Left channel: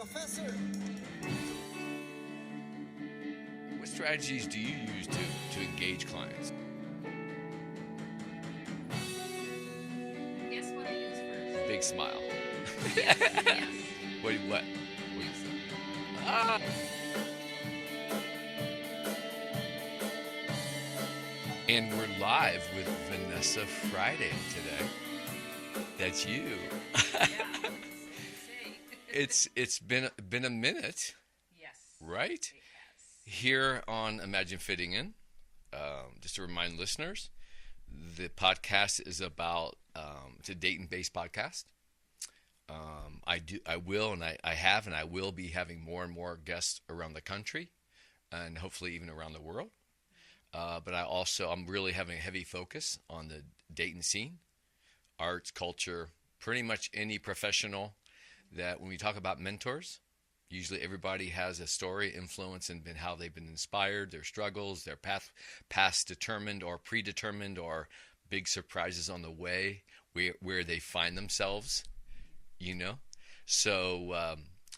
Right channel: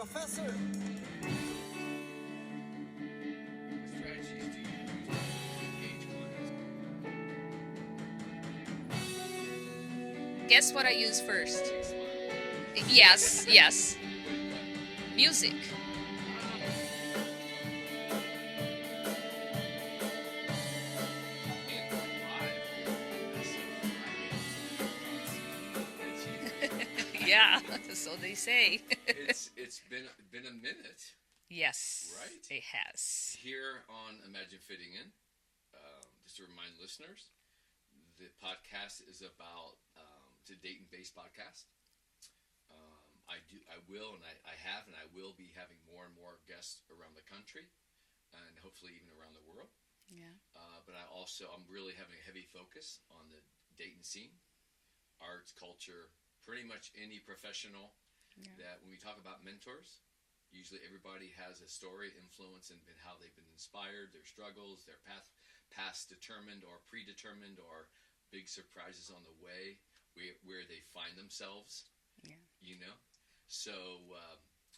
Professor. What strategies do you use to engage clients? Guess what I use first? Big smile. Yes, yes. Wait, what? Music. Ah. And we're live with Vanessa Friday today. That's you. Yeah, so they say. It's been a minute, Yes. right? It has. Here on Imagine Fitting In. Just to remind listeners, the podcast is about it's a Dayton-based podcast. I have, and I will be having more and more guests around the country, and hopefully even around the world. Yeah. But I'm really having a heavy focus on the Dayton scene, arts, culture, pretty much any professional that when we talk about mentors, usually everybody has a story, influence, and how they've been inspired, their struggles, their past determined or predetermined, or big surprises on the way where they find themselves, you know. So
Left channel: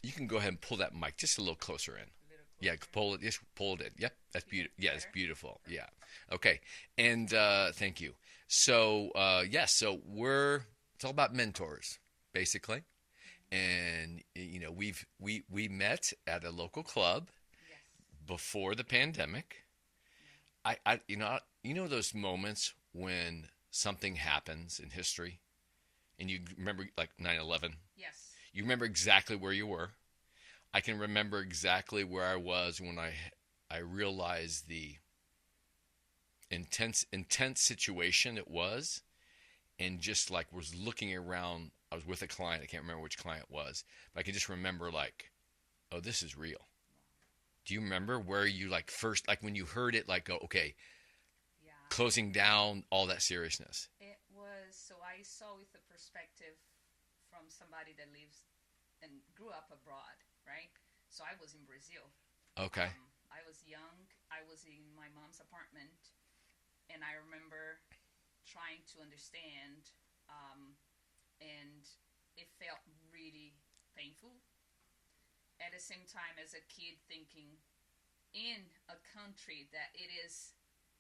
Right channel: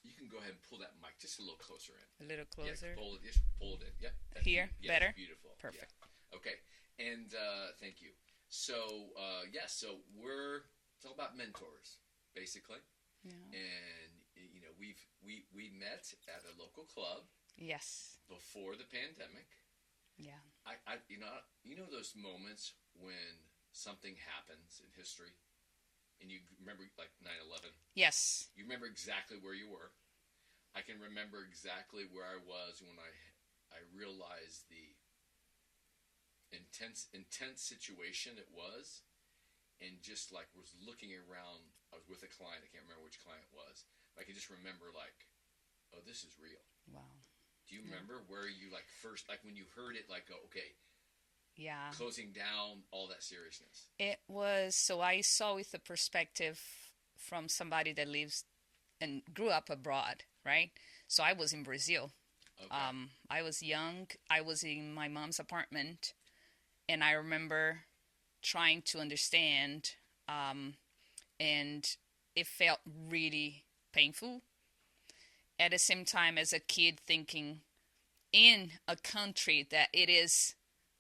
you can go ahead and pull that mic just a little closer in. A little closer. Yeah, pull it. Just pull it in. Yep, that's Here? yeah, Better? it's beautiful. Perfect. Yeah. Okay. And thank you. So so it's all about mentors, basically. Yeah. And we met at a local club Yes. before the pandemic. Yeah. I those moments when something happens in history, and you remember like 9/11. Yes. You remember exactly where you were. I can remember exactly where I was when I realized the intense situation it was, and just like was looking around. I was with a client. I can't remember which client it was, but I can just remember like, oh, this is real. Wow. Do you remember where you like first, like when you heard it, like, go, okay, Yeah. closing down all that seriousness? It was, so I saw with the perspective from somebody that lives and grew up abroad, right? So I was in Brazil. Okay. I was young. I was in my mom's apartment, and I remember trying to understand, and it felt really painful. At the same time, as a kid, thinking in a country that it is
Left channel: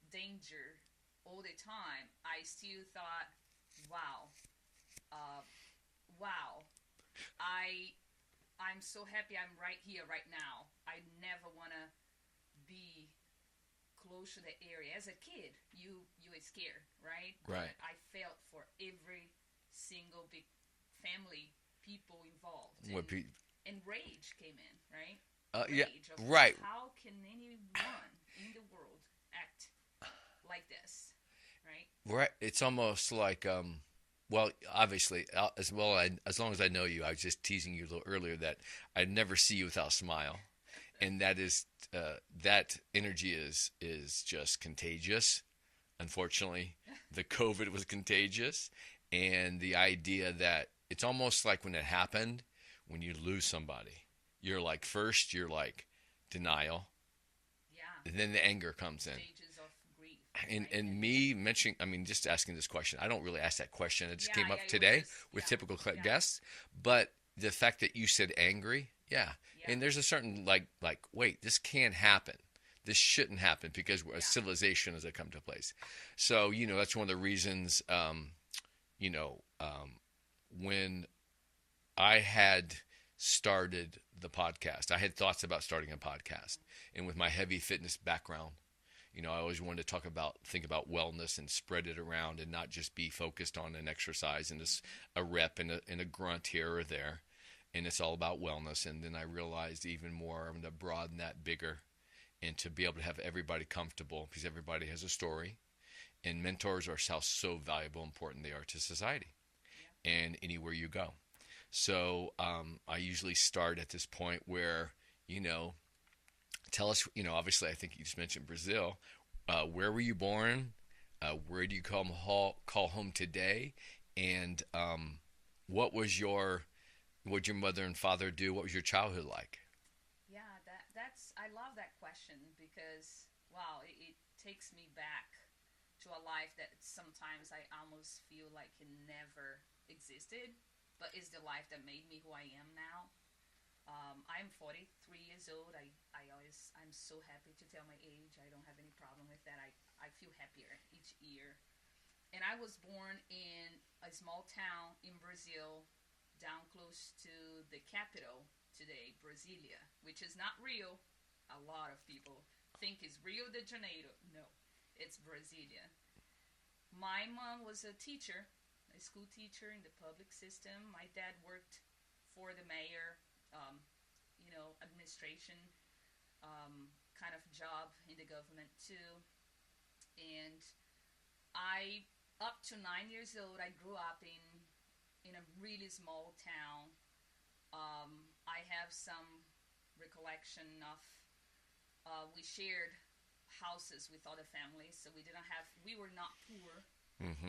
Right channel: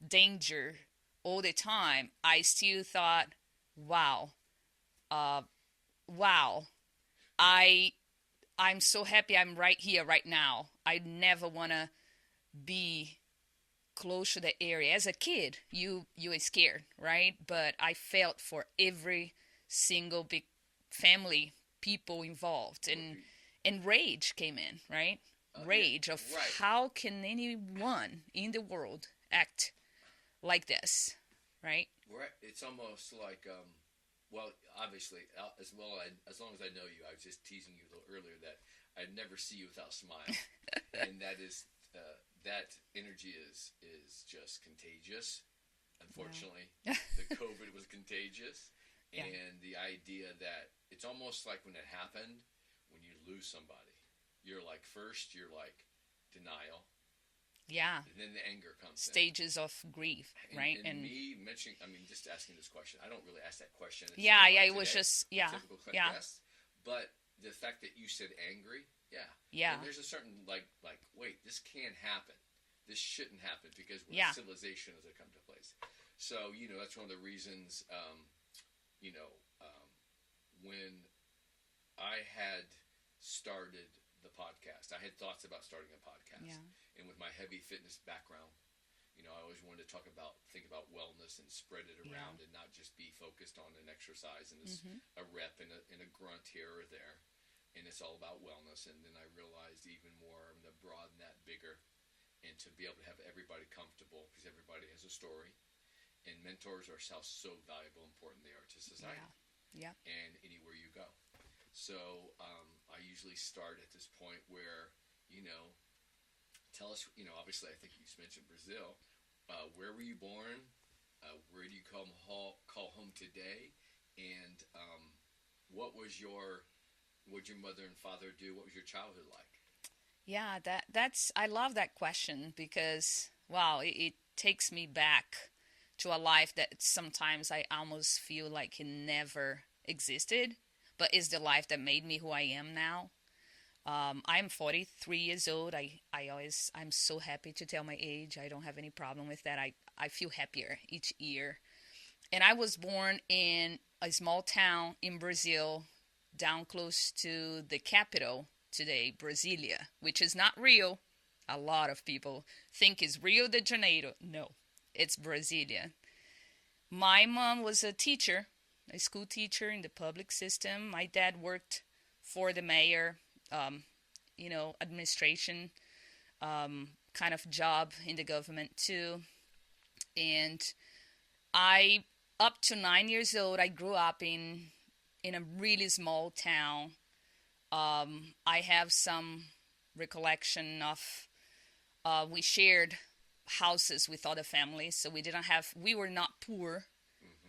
danger all the time, I still thought, wow, wow, I'm so happy I'm right here right now. I never want to be close to the area. As a kid, you are scared, right? But I felt for every single big family, people involved, and rage came in, right? Rage of right. how can anyone in the world act like this, right? Right. It's almost like, well, obviously, as long as I know you, I was just teasing you a little earlier that I'd never see you without a smile, and that is that energy is just contagious. Unfortunately, the COVID was contagious, and the idea that it's almost like when it happened, when you lose somebody, you're like denial. Yeah. And then the anger comes in. Stages of grief, right? And me mentioning, I mean, just asking this question. I don't really ask that question. It just Yeah, came yeah, up it was today just- with yeah, typical yeah. guests. But the fact that you said angry, yeah. Yeah. And there's a certain like, wait, this can't happen. This shouldn't happen because Yeah. civilization has come to place. So that's one of the reasons. When I had started the podcast, I had thoughts about starting a podcast, and with my heavy fitness background, I always wanted to think about wellness and spread it around, and not just be focused on an exercise and a rep and a grunt here or there. And it's all about wellness. And then I realized even more, I'm going to broaden that bigger, and to be able to have everybody comfortable, because everybody has a story, and mentors are so valuable, important they are to society, and anywhere you go. So I usually start at this point where, tell us, obviously I think you just mentioned Brazil. Where were you born? Where do you call home today? And what was your mother and father do? What was your childhood like? Yeah, that's I love that question because wow, it takes me back to a life that sometimes I almost feel like it never existed, but is the life that made me who I am now. I'm 43 years old. I'm so happy to tell my age. I don't have any problem with that. I feel happier each year. And I was born in a small town in Brazil, down close to the capital today, Brasilia, which is not Rio. A lot of people think it's Rio de Janeiro. No, it's Brasilia. My mom was a teacher, a school teacher in the public system. My dad worked for the mayor, um, administration kind of job in the government too. And I, up to 9 years old, I grew up in a really small town. I have some recollection of we shared houses with other families, so we were not poor,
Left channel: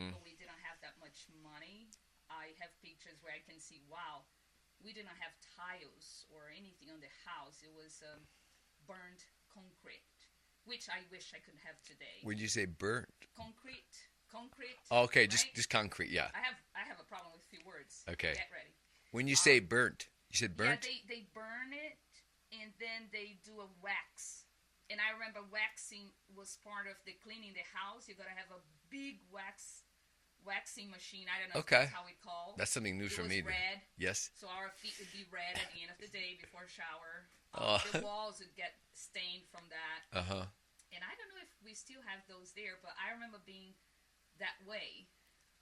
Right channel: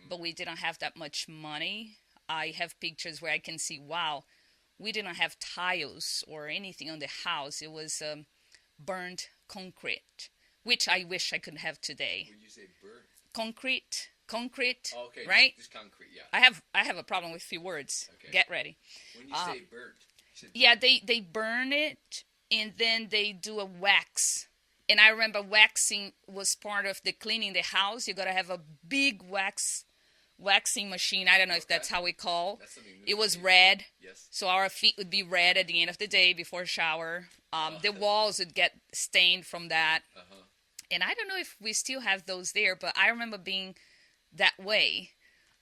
but we didn't have that much money. I have pictures where I can see, wow, we didn't have tiles or anything on the house. It was burnt concrete, which I wish I could have today. When you say burnt? Concrete. Oh, okay, right? just concrete, yeah. I have a problem with few words. Okay. Get ready. When you say burnt, you said burnt? Yeah, they burn it and then they do a wax. And I remember waxing was part of the cleaning the house. You got to have a big waxing machine. I don't know if that's how we call. That's something new. It for was me. red. Yes. So our feet would be red at the end of the day before shower. The walls would get stained from that. And I don't know if we still have those there, but I remember being that way.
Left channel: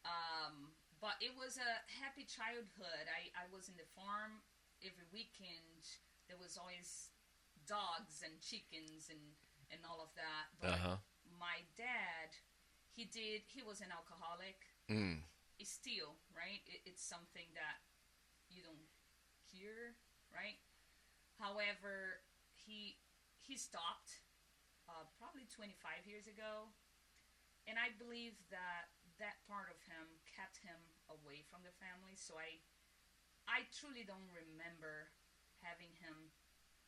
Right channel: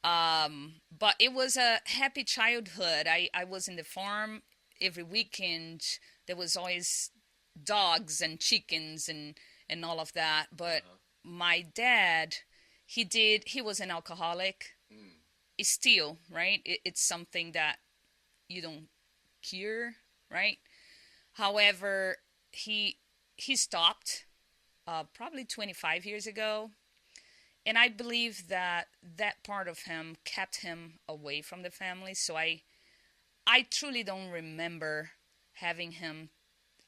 But it was a happy childhood. I was in the farm every weekend. There was always dogs and chickens and all of that. But my dad, he was an alcoholic. It's still, right? It's something that you don't cure, right? However, he stopped probably 25 years ago. And I believe that part of him kept him away from the family. So I truly don't remember having him.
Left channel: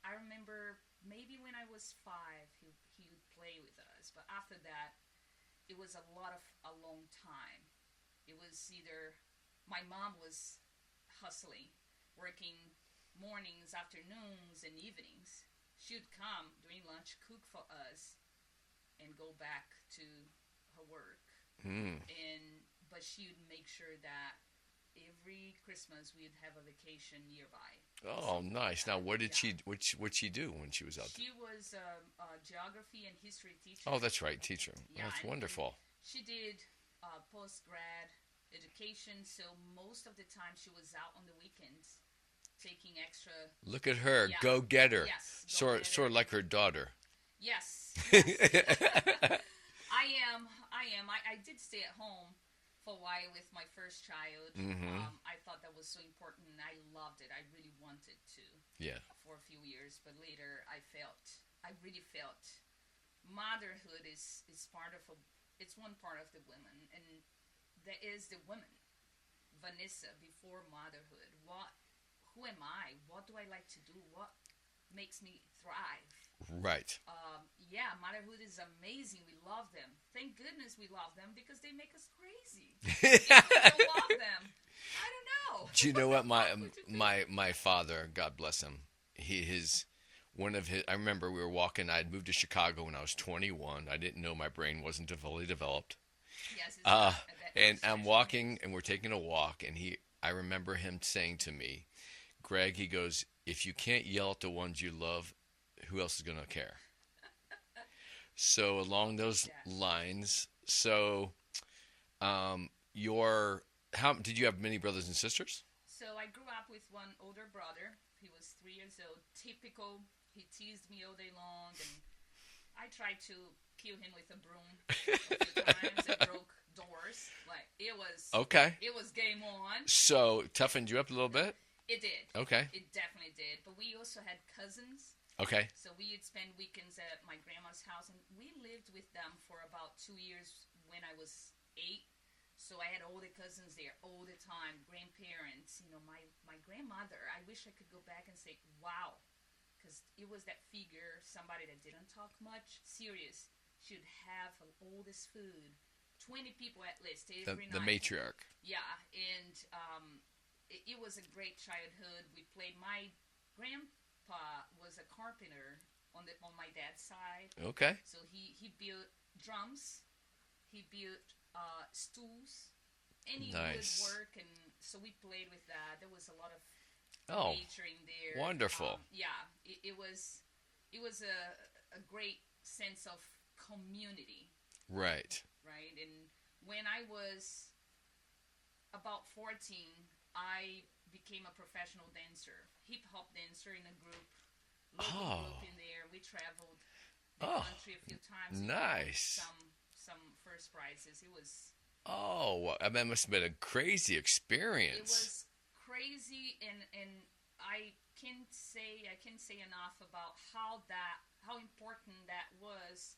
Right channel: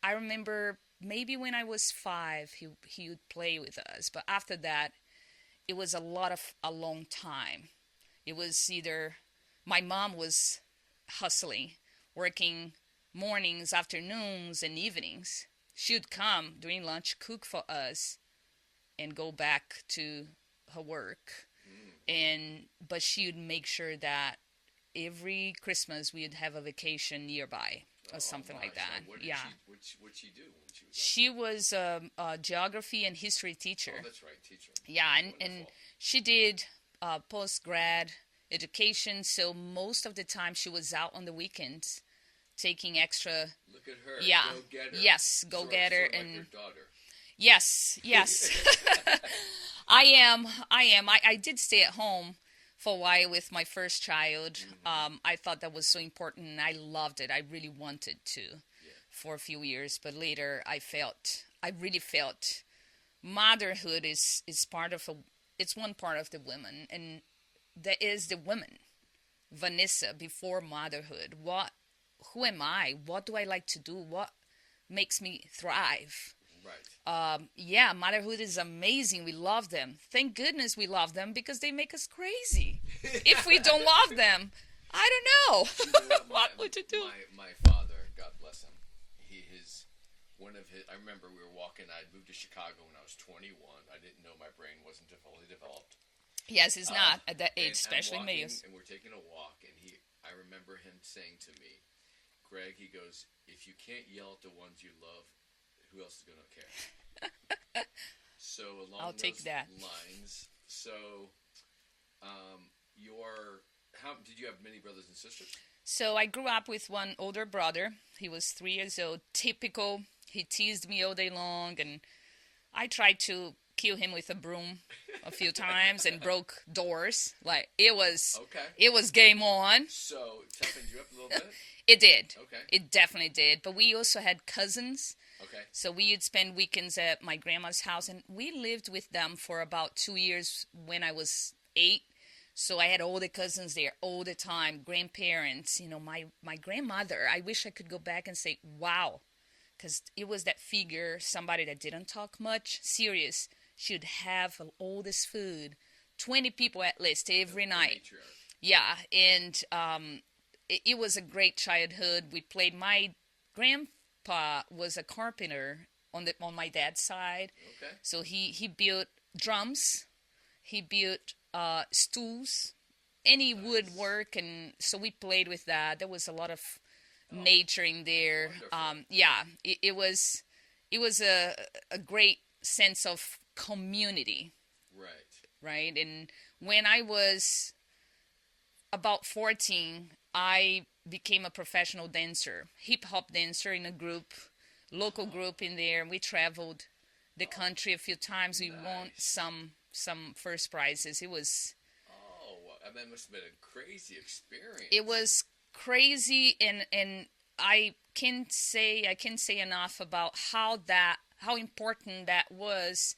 I remember maybe when I was 5, he would play with us. But after that, it was a long time. It was either my mom was hustling, working mornings, afternoons, and evenings. She would come during lunch, cook for us, and go back to her work. But she would make sure that every Christmas we'd have a vacation nearby. Or something nice. Like that. Now, what'd she do when she was out? She was a geography and history teacher. Oh, that's right, teacher. Yeah, that's and wonderful. And she did post-grad education, so most of the time she was out on the weekends taking extra. Look at her, Yeah. go get her. Yes, go get her. Sort of like her daughter. Yes. I am. I did stay at home for a while with my first child. I thought that was so important, and I loved it. I really wanted to for a few years, but later I really felt motherhood is part of it's one part of the woman, and that is the woman, Vanessa, before motherhood. Who am I? What do I like to do? What makes me thrive? Right. Motherhood is amazing. We love them. Thank goodness we love them, because they make us crazy. If we don't love them, I don't know. Do you know what my father, God bless him, I remember we were walking. I had moved to Chicago when I was 21. I didn't know my brain wasn't fully developed. Yes, it's not at that age. And I'm walking, and we're taking a walk, and I remember him saying to me, Greg, he goes, if you can't yell at the ones you love, who else is going to care? So along those lines, so did you have many brothers and sisters? So I grew up with one older brother. He was 3 years old, typical. He teased me all day long, and I tried to kill him with a broom a few times and broke doors. Like, it was game on. So toughened you up a little bit? It did. Okay. It definitely did. But we also had cousins. Okay. So we would spend weekends at my grandma's house, and we lived with them for about 2 years when I was 8. So I had all the cousins there all the time, grandparents. My grandmother, I wish I could go back and say, wow, because it was that figure, somebody that didn't talk much, serious. She would have all this food, 20 people at least every night. The matriarch. Yeah, and it was a great childhood. We played. My grandpa was a carpenter on my dad's side. Okay. So he built drums, he built stools, any Nice. woodwork, and so we played with that. There was a lot of Oh, nature in there. wonderful. Yeah, it was a great sense of community, Right. right? And when I was about 14, I became a professional dancer, hip hop dancer in a group, local Oh. group in there. We traveled the Oh, country a few times. We won nice. some first prizes. Oh, well, that must have been a crazy experience. It was crazy, and I can say enough about how important that was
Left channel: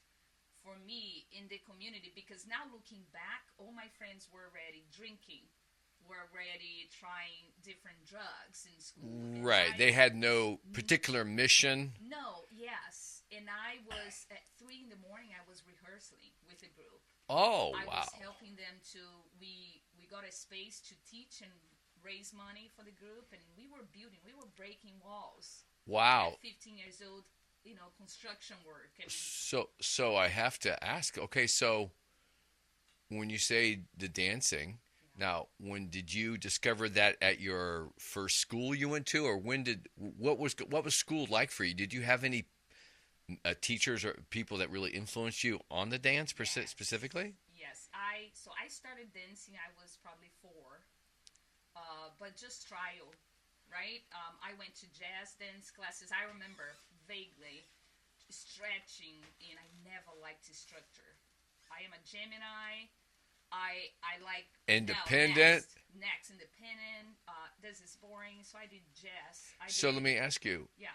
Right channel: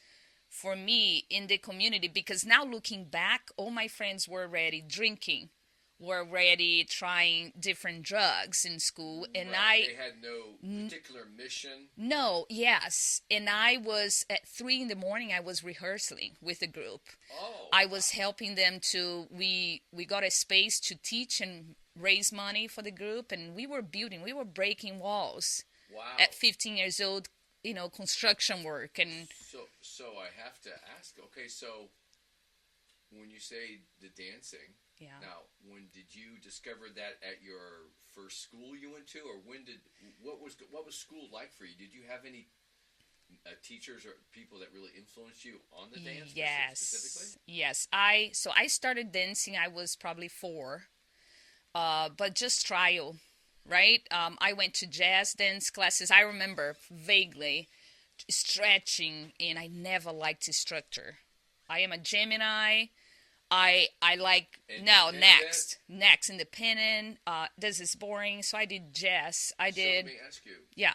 for me in the community, because now looking back, all my friends were already drinking, were already trying different drugs in school, and Right. They had no particular mission. no, yes, and I was at 3 in the morning. I was rehearsing with a group. Oh, I wow. was helping them to. We got a space to teach and raise money for the group, and we were breaking walls Wow. at 15 years old. Construction work, and So I have to ask. Okay, so when you say the dancing, yeah. now when did you discover that at your first school you went to, or what was school like for you? Did you have any teachers or people that really influenced you on the dance specifically? Yes, I started dancing. I was probably 4, but just trial, right? I went to jazz dance classes. I remember vaguely stretching, and I never liked structure. I am a Gemini. I like now Independent. next independent. This is boring, so I did jazz. So let me ask you. Yeah.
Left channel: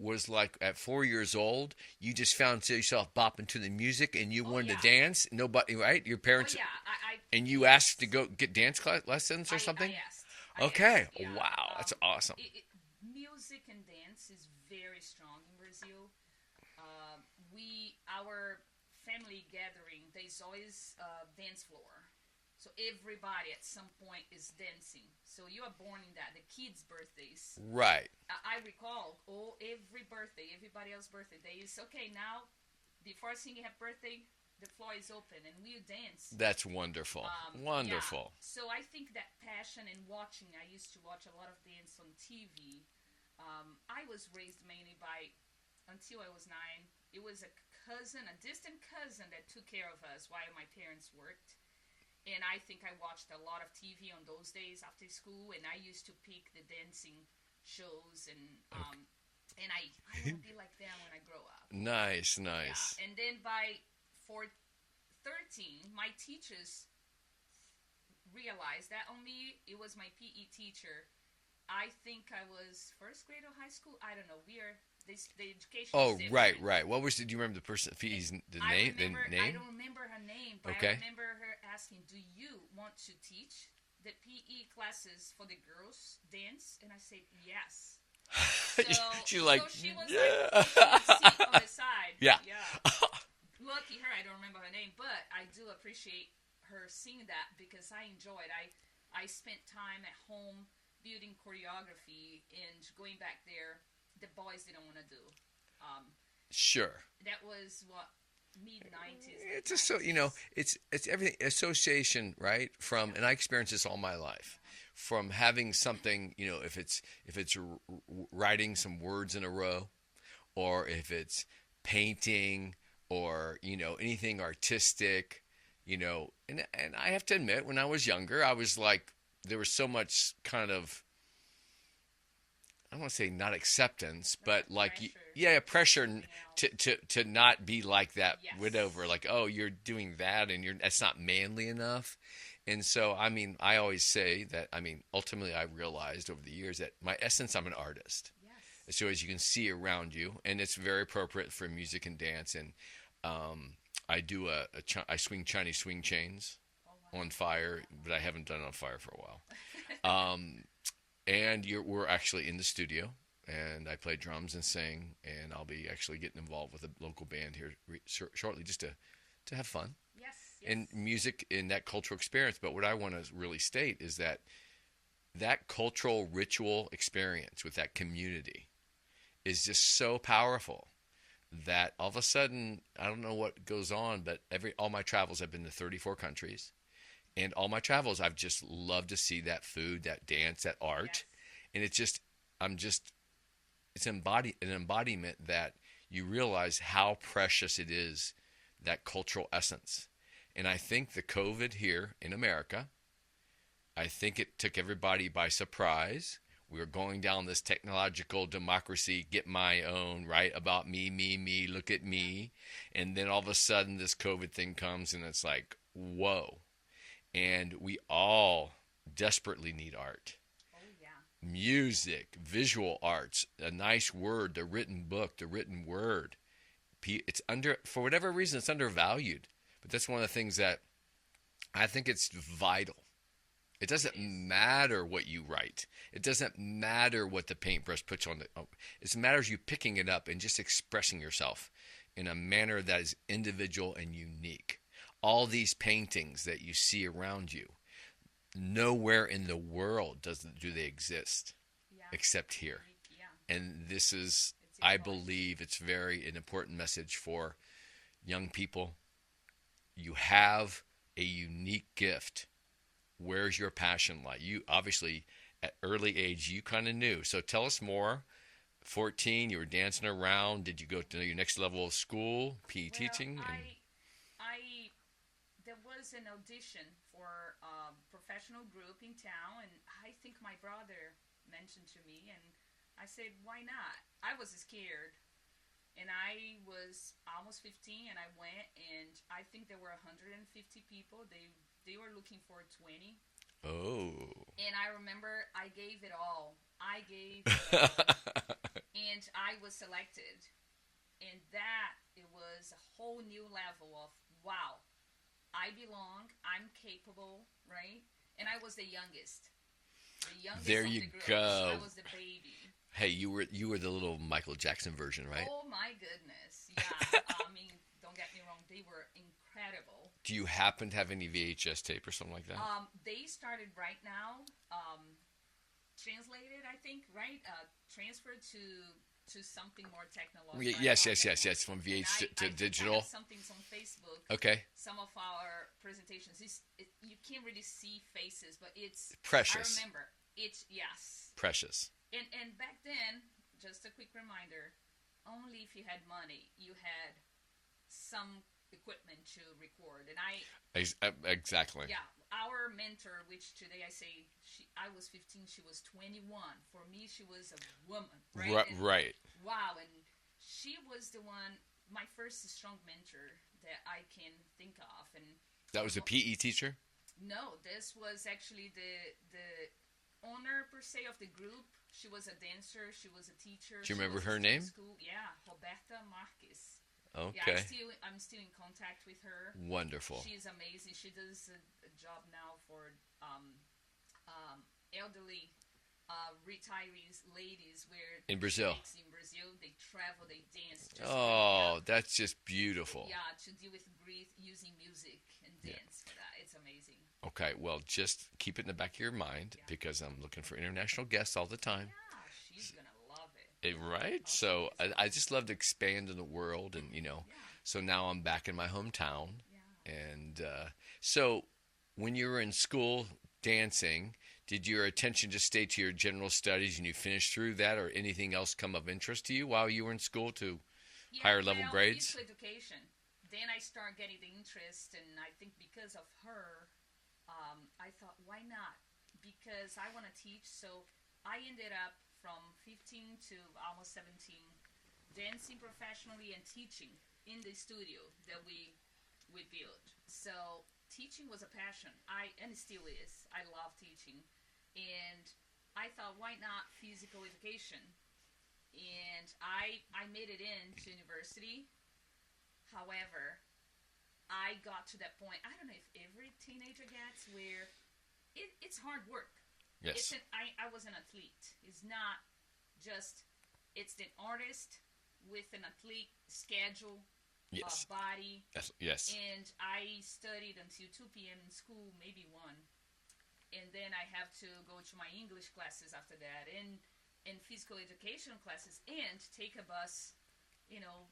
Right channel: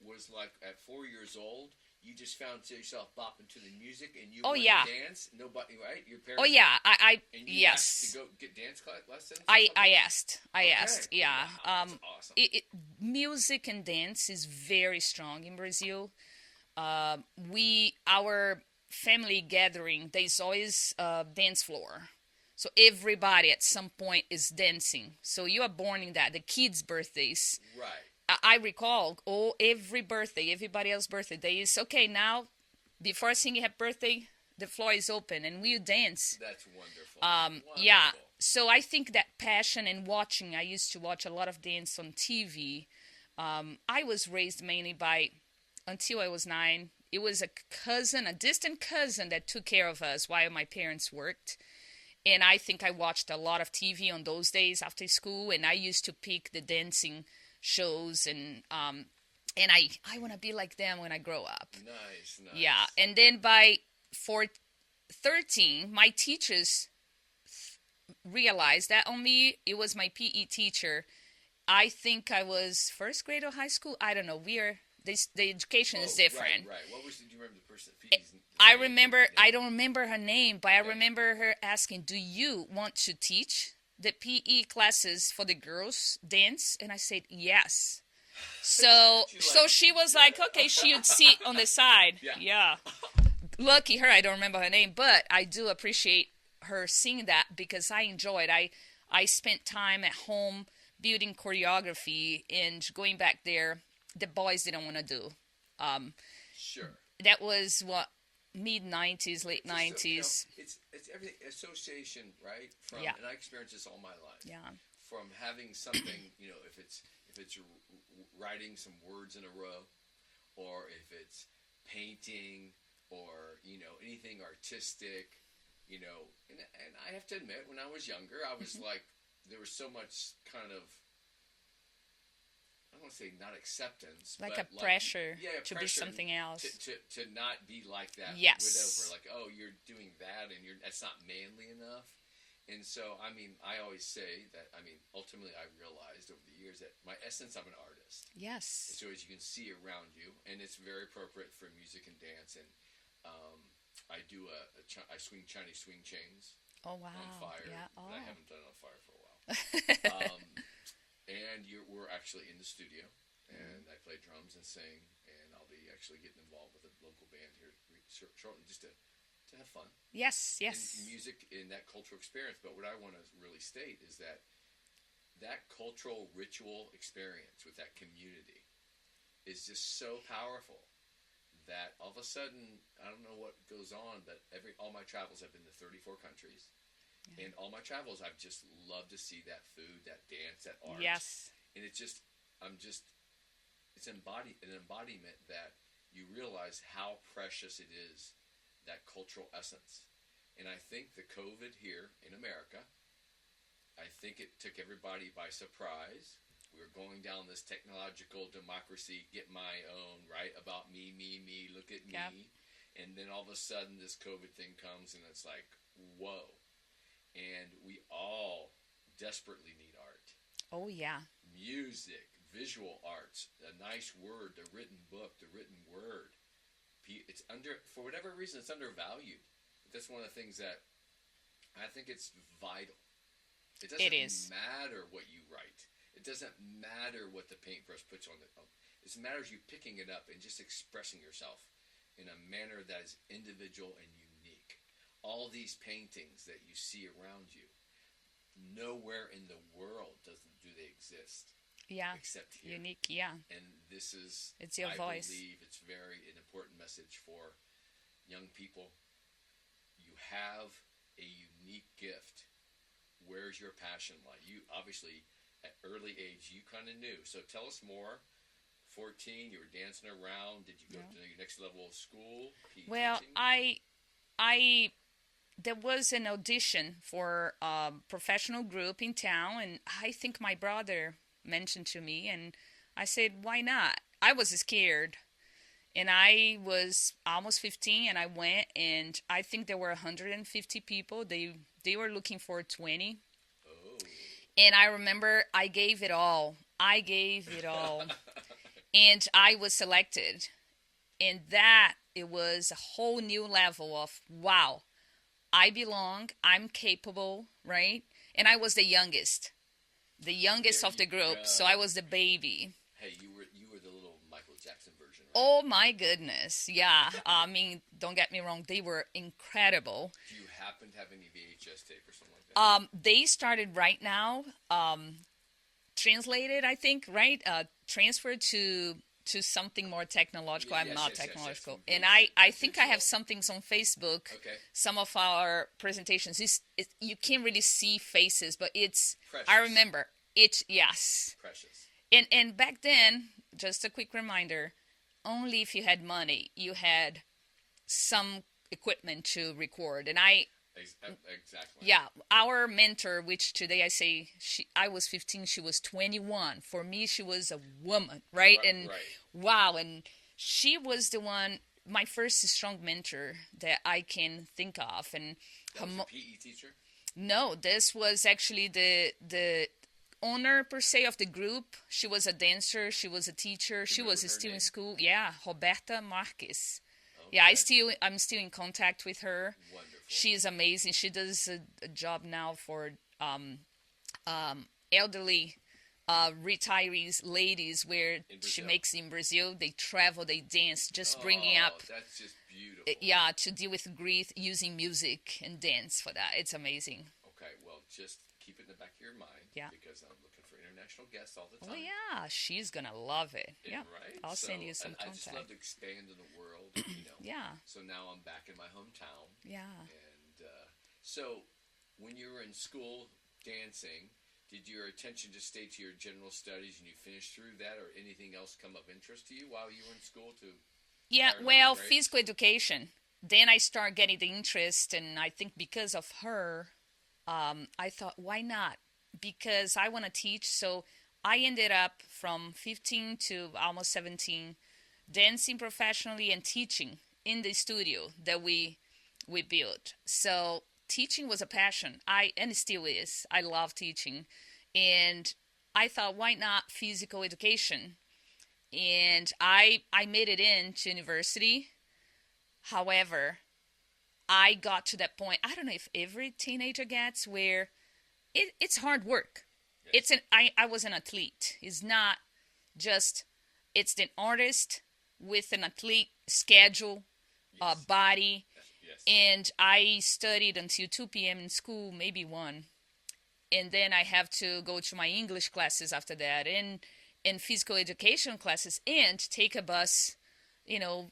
Was like at 4 years old, you just found yourself bopping to the music and you wanted yeah. to dance? Nobody, right? Your Oh parents? yeah, I And you yes. asked to go get dance lessons or something? I asked. Okay. Asked. Yeah. Wow, that's awesome. Music and dance is very strong in Brazil. Our family gathering, there's always a dance floor. So everybody at some point is dancing. So you are born in that. The kids' birthdays. Right. I recall, every birthday, everybody else's birthday, they is, okay, now, before singing happy birthday, the floor is open, and we dance. That's wonderful. Wonderful. Yeah. So I think that passion and watching, I used to watch a lot of dance on TV. I was raised mainly until I was 9, it was a distant cousin that took care of us while my parents worked. And I think I watched a lot of TV on those days after school, and I used to pick the dancing shows, and I want to be like them when I grow up. Nice. Yeah, and then by 13, my teachers realized that only it was my PE teacher. I think I was first grade or high school. I don't know. The education is different. Right. What was? Do you remember the person? I remember. I don't remember her name, but Okay. I remember her asking, "Do you want to teach the PE classes for the girls dance?" And I said, "Yes." So she was like, "Okay." She would sit on the side. Yeah. Lucky her. I don't remember her name, but I do appreciate her seeing that, because I enjoyed. I spent time at home building choreography and going back there. The boys didn't want to do. Sure. That was what, mid-90s, late 90s. It's everything association, right? Yeah. And I experienced this all my life. Yeah. From having something, if it's writing some words in a row, or if it's painting, or anything artistic, and I have to admit, when I was younger, I was like, there was so much kind of, I don't want to say not acceptance, but pressure. Pressure to do something else. to not be like that. Yes. Whatever, like, oh, you're doing that, and that's not manly enough. And so, I always say that, ultimately I realized over the years that my essence, I'm an artist. Yes. So as you can see around you, and it's very appropriate for music and dance. And I do I swing Chinese swing chains on fire, but I haven't done it on fire for a while. And we're actually in the studio, and I play drums and sing, and I'll be actually getting involved with a local band here shortly, just to have fun. Yes. And music in that cultural experience. But what I want to really state is that that cultural ritual experience with that community is just so powerful that all of a sudden, I don't know what goes on, but all my travels, I've been to 34 countries, and all my travels, I've just loved to see that food, that dance, that art, Yes. and it's an embodiment that you realize how precious it is, that cultural essence. And I think the COVID here in America, I think it took everybody by surprise. We were going down this technological democracy, get my own, right? About me, me, me, look at me. Yep. And then all of a sudden this COVID thing comes and it's like, whoa. And we all desperately need art. Oh, yeah. Music, visual arts, a nice word, the written book, the written word. It's for whatever reason, it's undervalued. But that's one of the things that I think it's vital. It doesn't matter what you write. It doesn't matter what the paintbrush puts on it matters you picking it up and just expressing yourself in a manner that is individual and unique. All these paintings that you see around you, nowhere in the world do they exist. Yeah. Except here. Unique, yeah. And this is, I believe, it's an important message for young people. You have a unique gift. Where's your passion lie? You obviously, at early age, you kind of knew. So tell us more. 14, you were dancing around. Did you go to your next level of school, PE teaching? There was an audition for a professional group in town, and I think my brother mentioned to me, and I said, why not? I was scared, and I was almost 15, and I went, and I think there were 150 people. They were looking for 20. Oh. And I remember I gave it all. And I was selected. And it was a whole new level of, wow, I belong, I'm capable, right? And I was the youngest of the group, go. So I was the baby. Hey, you were the little Michael Jackson version, right? Oh my goodness, yeah. I mean, don't get me wrong, they were incredible. Do you happen to have any VHS tape or something like that? They started right now, translated, I think, right? Transferred to something more technological. Yes. From VHS and I think digital. I have some things on Facebook. Okay. Some of our presentations, you can't really see faces, but it's precious. I remember it. Yes. Precious. And back then, just a quick reminder, only if you had money, you had some equipment to record. And Exactly. Yeah, our mentor, which today I say I was 15, she was 21. For me, she was a woman, right? Right. Wow, and she was the one, my first strong mentor that I can think of. And that was a PE teacher? No, this was actually the owner per se of the group. She was a dancer. She was a teacher. She was still in school. Yeah, Roberta Marques. Okay. Yeah, I'm still in contact with her. Wonderful. She's amazing. She does a job now for elderly retirees, ladies, where she makes in Brazil. They travel, they dance, just bringing up. Oh, that's just beautiful. Yeah, to deal with grief using music and dance for that. It's amazing. Okay, well, just keep it in the back of your mind because I'm looking for international guests all the time. Yeah, she's going to love it. Right? So I just love to expand in the world. And, Yeah. So now I'm back in my hometown. Yeah. And so when you were in school dancing, did your attention just stay to your general studies and you finished through that, or anything else come of interest to you while you were in school to higher level grades? Physical education. Then I started getting the interest, and I think because of her, I thought, why not? Because I want to teach. So I ended up from 15 to almost 17 dancing professionally and teaching in the studio that we built. So teaching was a passion. And it still is. I love teaching. And I thought, why not physical education? And I made it into university. However, I got to that point, I don't know if every teenager gets, where it's hard work. Yes. I was an athlete. It's not just, it's an artist with an athlete schedule. Yes. Body. Yes. And I studied until 2 p.m. in school, maybe 1. and then I have to go to my English classes after that, and physical education classes, and take a bus, you know,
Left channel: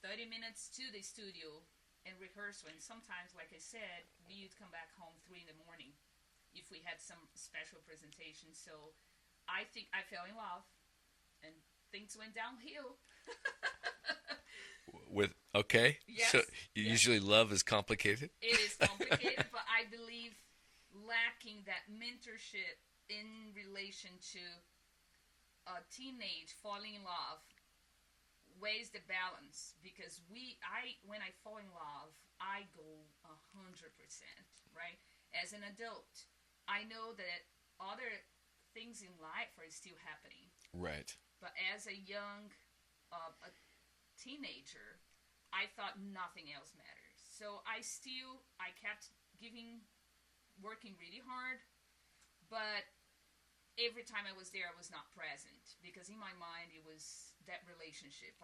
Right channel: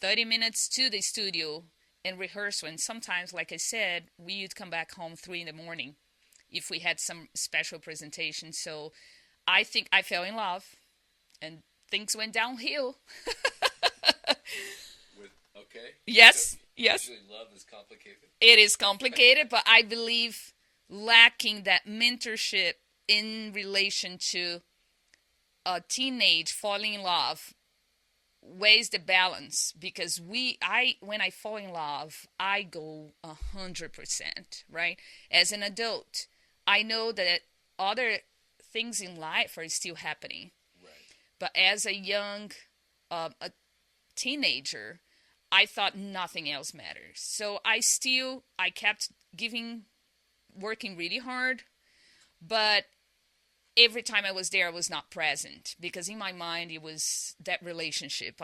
30 minutes to the studio and rehearsal. And sometimes, like I said, we would come back home 3 in the morning if we had some special presentation. So I think I fell in love, and things went downhill. With okay. So Yes, yes. usually love is complicated. It is complicated, but I believe lacking that mentorship in relation to a teenage falling in love weighs the balance, because when I fall in love, I go 100%, right? As an adult, I know that other things in life are still happening, Right. but as a young a teenager, I thought nothing else matters. So I kept giving, working really hard, but every time I was there, I was not present, because in my mind, it was that relationship.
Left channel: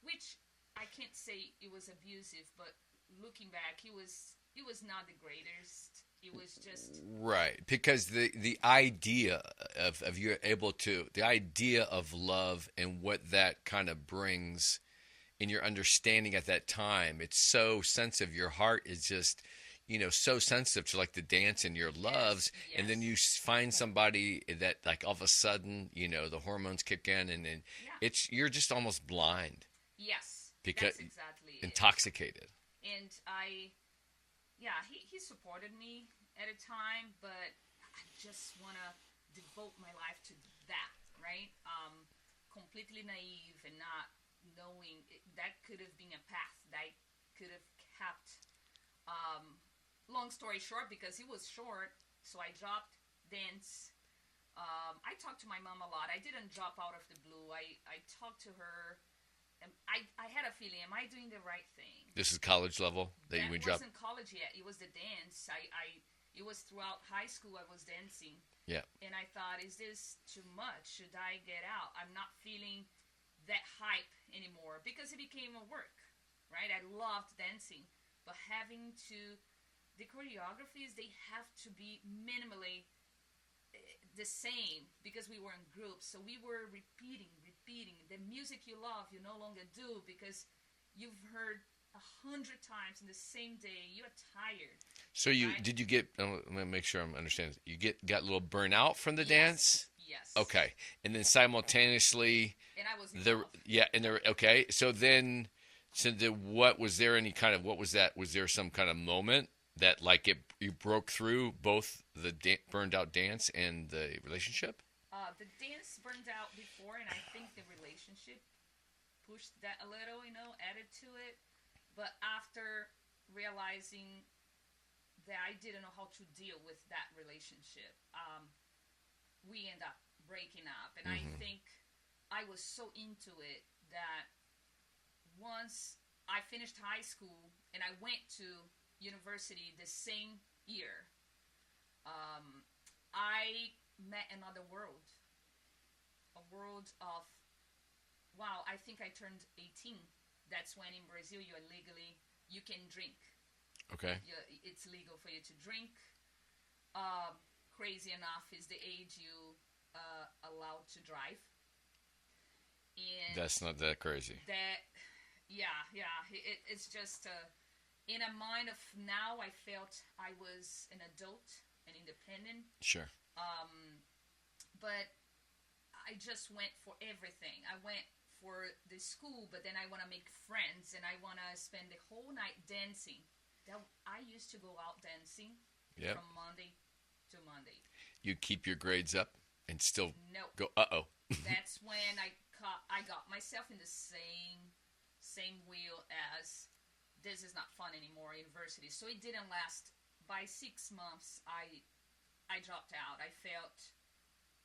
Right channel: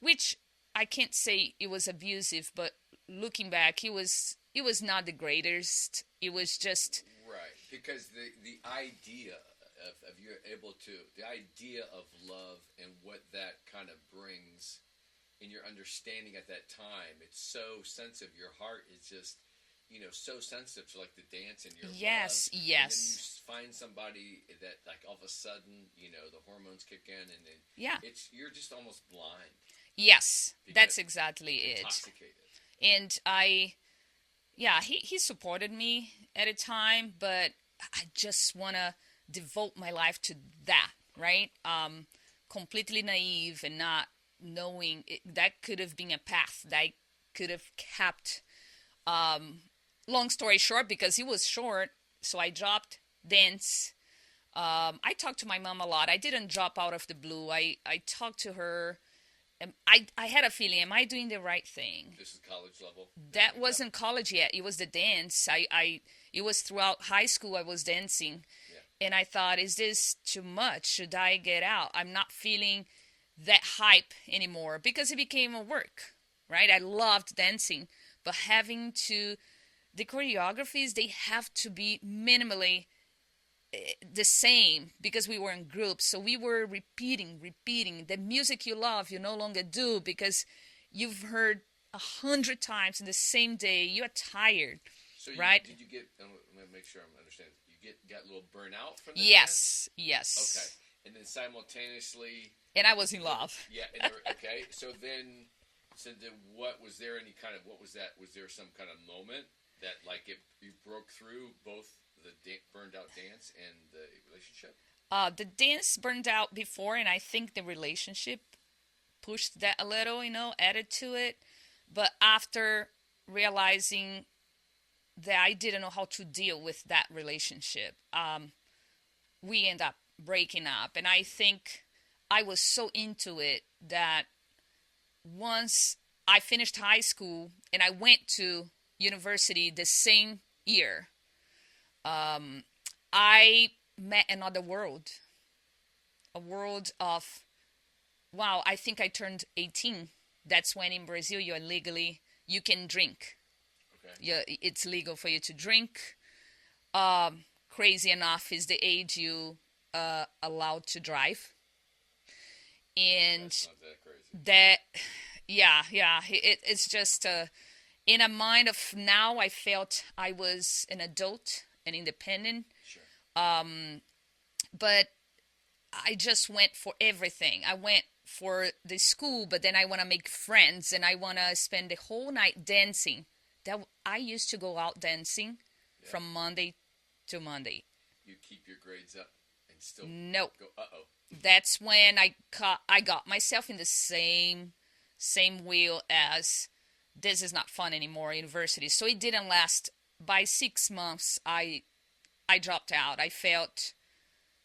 Which I can't say it was abusive, but looking back, it was not the greatest. It was just, Right, because the idea of you're able to the idea of love and what that kind of brings in your understanding at that time, it's so sensitive. Your heart is just, so sensitive to like the dance in your yes, loves, and then you yes, find somebody that like all of a sudden, the hormones kick in, and then yeah, you're just almost blind yes, because that's exactly it. intoxicated. And yeah, he supported me at a time, but I just want to devote my life to that, right? Completely naive and not knowing that could have been a path that I could have kept. Long story short, because he was short, so I dropped dance. I talked to my mom a lot. I didn't drop out of the blue. I talked to her. I had a feeling, am I doing the right thing? This is college level that you That would drop. wasn't college yet. It was the dance. It was throughout high school I was dancing. Yeah. And I thought, is this too much? Should I get out? I'm not feeling that hype anymore, because it became a work, right? I loved dancing, but the choreographies, they have to be minimally the same, because we were in groups. So we were repeating. The music you love, you no longer do, because you've heard 100 times in the same day. You're tired, So right? did you get? Let me make sure I'm understanding. You got a little burnout from the dance. Yes, yes. Okay, and then simultaneously, And I was in love. yeah, and there. Okay, what was there any kind of what was that? Was there some kind of moment that like you broke through both the burned out dance and the relationship? The dance burned out before, and I think the relationship pushed that a little, added to it. But after realizing that I didn't know how to deal with that relationship, we end up breaking up. And I think I was so into it that once I finished high school and I went to university the same year, I met another world, a world of, wow, I think I turned 18. That's when in Brazil you can drink. Okay. Yeah, it's legal for you to drink. Crazy enough is the age you allowed to drive. And That's not that crazy. that, yeah, it's just in a mind of now, I felt I was an adult and independent. Sure. But I just went for everything. I went for the school, but then I want to make friends and I want to spend the whole night dancing. That I used to go out dancing Yeah. from Monday to Monday. You keep your grades up and still No, go. Oh. that's when I got myself in the same wheel as, this is not fun anymore, university. So it didn't last. By 6 months, I dropped out. I felt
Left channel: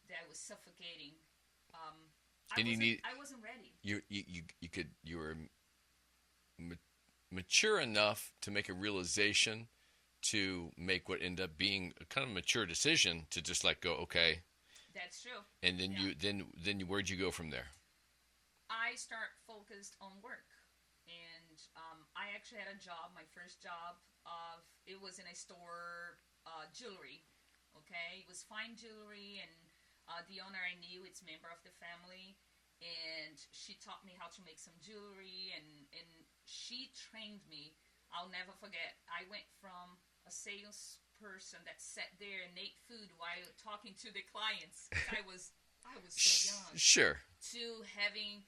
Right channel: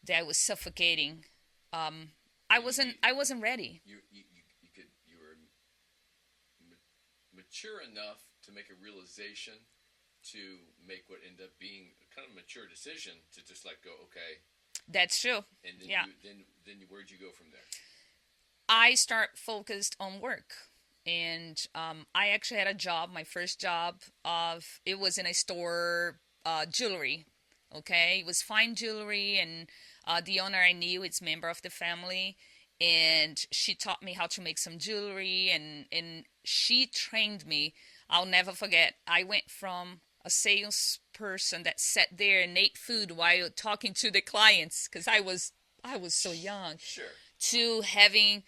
that I was suffocating. I wasn't ready. You were mature enough to make a realization to make what ended up being a kind of mature decision to just like go, okay. That's true. And then Yeah. where'd you go from there? I start focused on work, and I actually had a job. My first job it was in a store, jewelry. Okay, it was fine jewelry, and the owner I knew, it's member of the family, and she taught me how to make some jewelry, and she trained me. I'll never forget. I went from a salesperson that sat there and ate food while talking to the clients because I was so young, Sure. to having,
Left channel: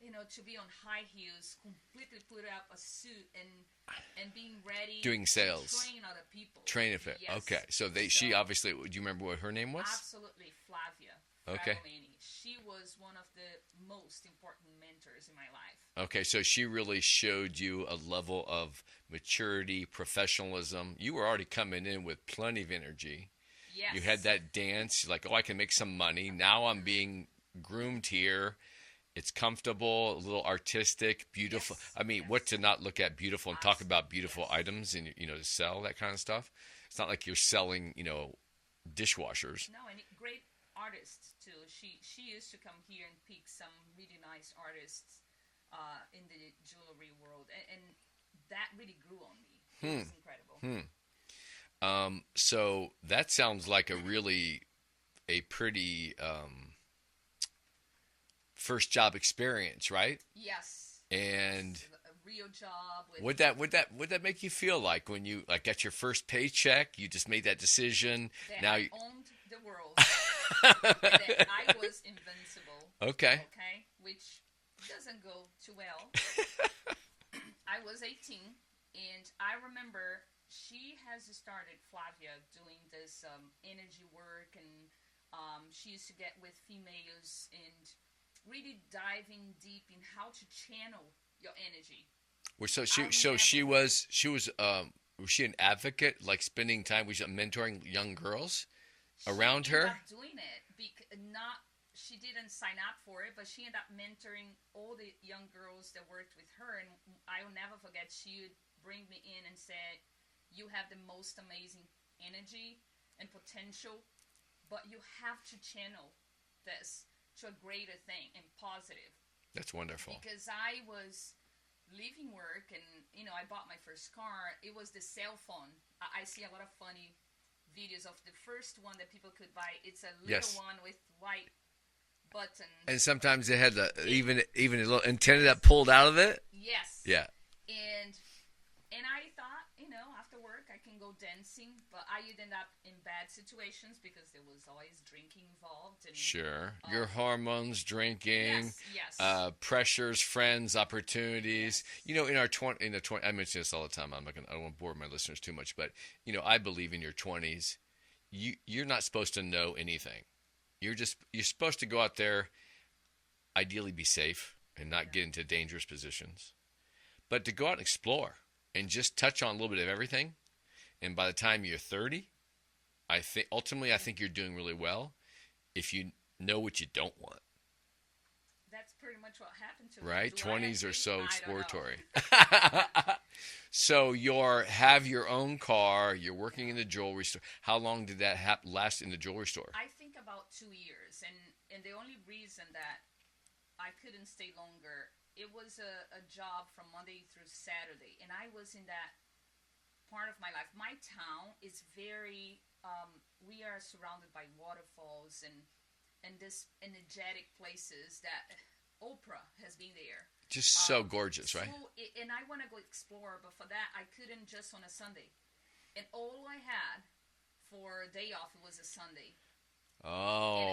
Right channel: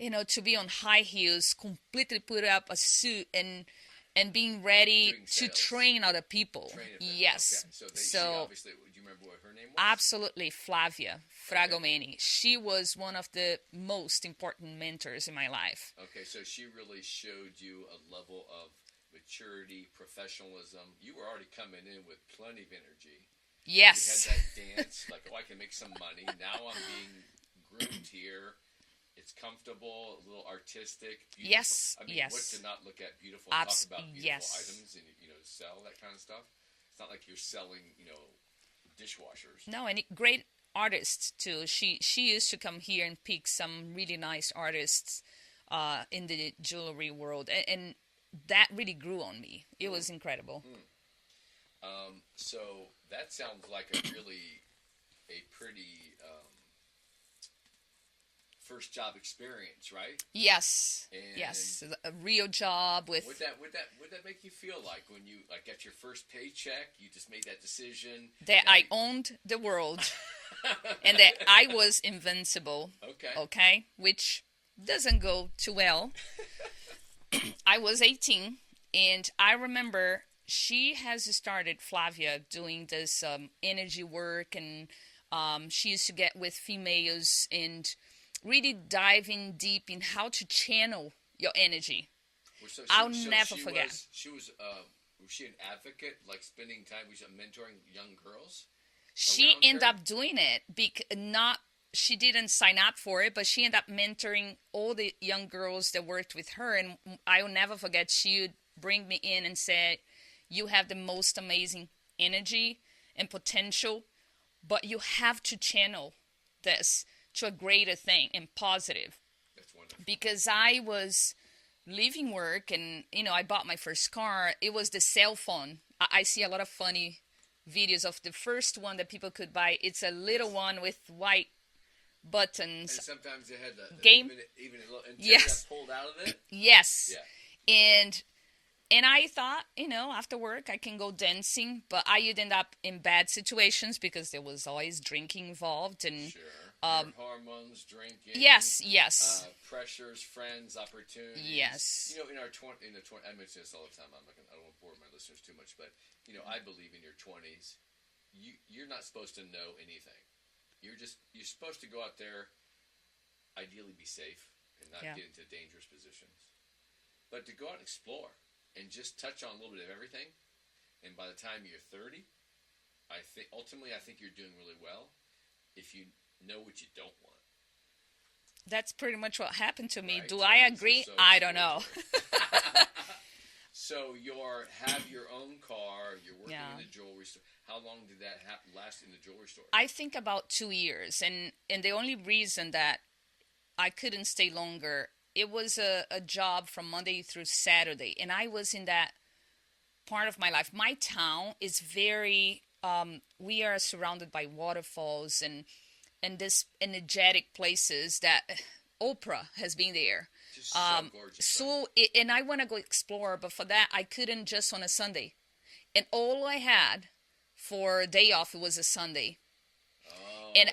to be on high heels, completely put up a suit, and being ready Doing to sales. train other people. Train it. Yes. Okay. So she obviously. Do you remember what her name was? Absolutely, Flavia Fragomeni. She was one of the most important mentors in my life. Okay. So she really showed you a level of maturity, professionalism. You were already coming in with plenty of energy. Yes. You had that dance, like, oh, I can make some money. Now I'm being groomed here. It's comfortable, a little artistic, beautiful. Yes. I mean, Yes. what to not look at beautiful and talk about beautiful Yes. items and, to sell that kind of stuff. It's not like you're selling, dishwashers. No, and great artists too. She used to come here and pick some really nice artists in the jewelry world, and that really grew on me. It was incredible. So that sounds like a pretty first job experience, right? Yes. And yes. A real job with. Would that make you feel like when you got your first paycheck, you just made that decision that I owned the world and that I was invincible. Okay. Okay, which doesn't go too well. I was 18, and I remember she has started, Flavia, doing this energy work, and she used to get with females and really diving deep in how to channel your energy. So I'll never she forget. was she an advocate, like spending time with mentoring young girls She around ended her? up doing it she didn't sign up for it, but she ended up mentoring all the young girls that worked with her, and I will never forget, she would bring me in and say, you have the most amazing energy and potential, but you have to channel this to a greater thing and positive. That's wonderful. Because I was leaving work, and I bought my first car. It was the cell phone. I see a lot of funny videos of the first one that people could buy. It's a little Yes. one with white buttons. And sometimes they had Game- even a little antenna Yes. that pulled out of it. Yes. Yeah. And I thought, after work I can go dancing, but I would end up in bad situations because there was always drinking involved. And Sure. Your hormones, drinking. yes, Pressures, friends, opportunities. Yes. In the 20, I mention this all the time. I don't want to bore my listeners too much, but I believe in your 20s, you're not supposed to know anything. You're supposed to go out there, ideally be safe and not get into dangerous positions, but to go out and explore and just touch on a little bit of everything. And by the time you're 30, I think you're doing really well if you know what you don't want. That's pretty much what happened to me. Right? Do I agree? So I don't know. So have your own car. You're working in Yeah. the jewelry store. How long did that last in the jewelry store? I think about 2 years, and the only reason that I couldn't stay longer, it was a job from Monday through Saturday, and I was in that part of my life. My town is very, we are surrounded by waterfalls and this energetic places that Oprah has been there. Just so gorgeous, right? And I want to go explore, but for that, I couldn't just on a Sunday. And all I had for a day off was a Sunday. Oh. And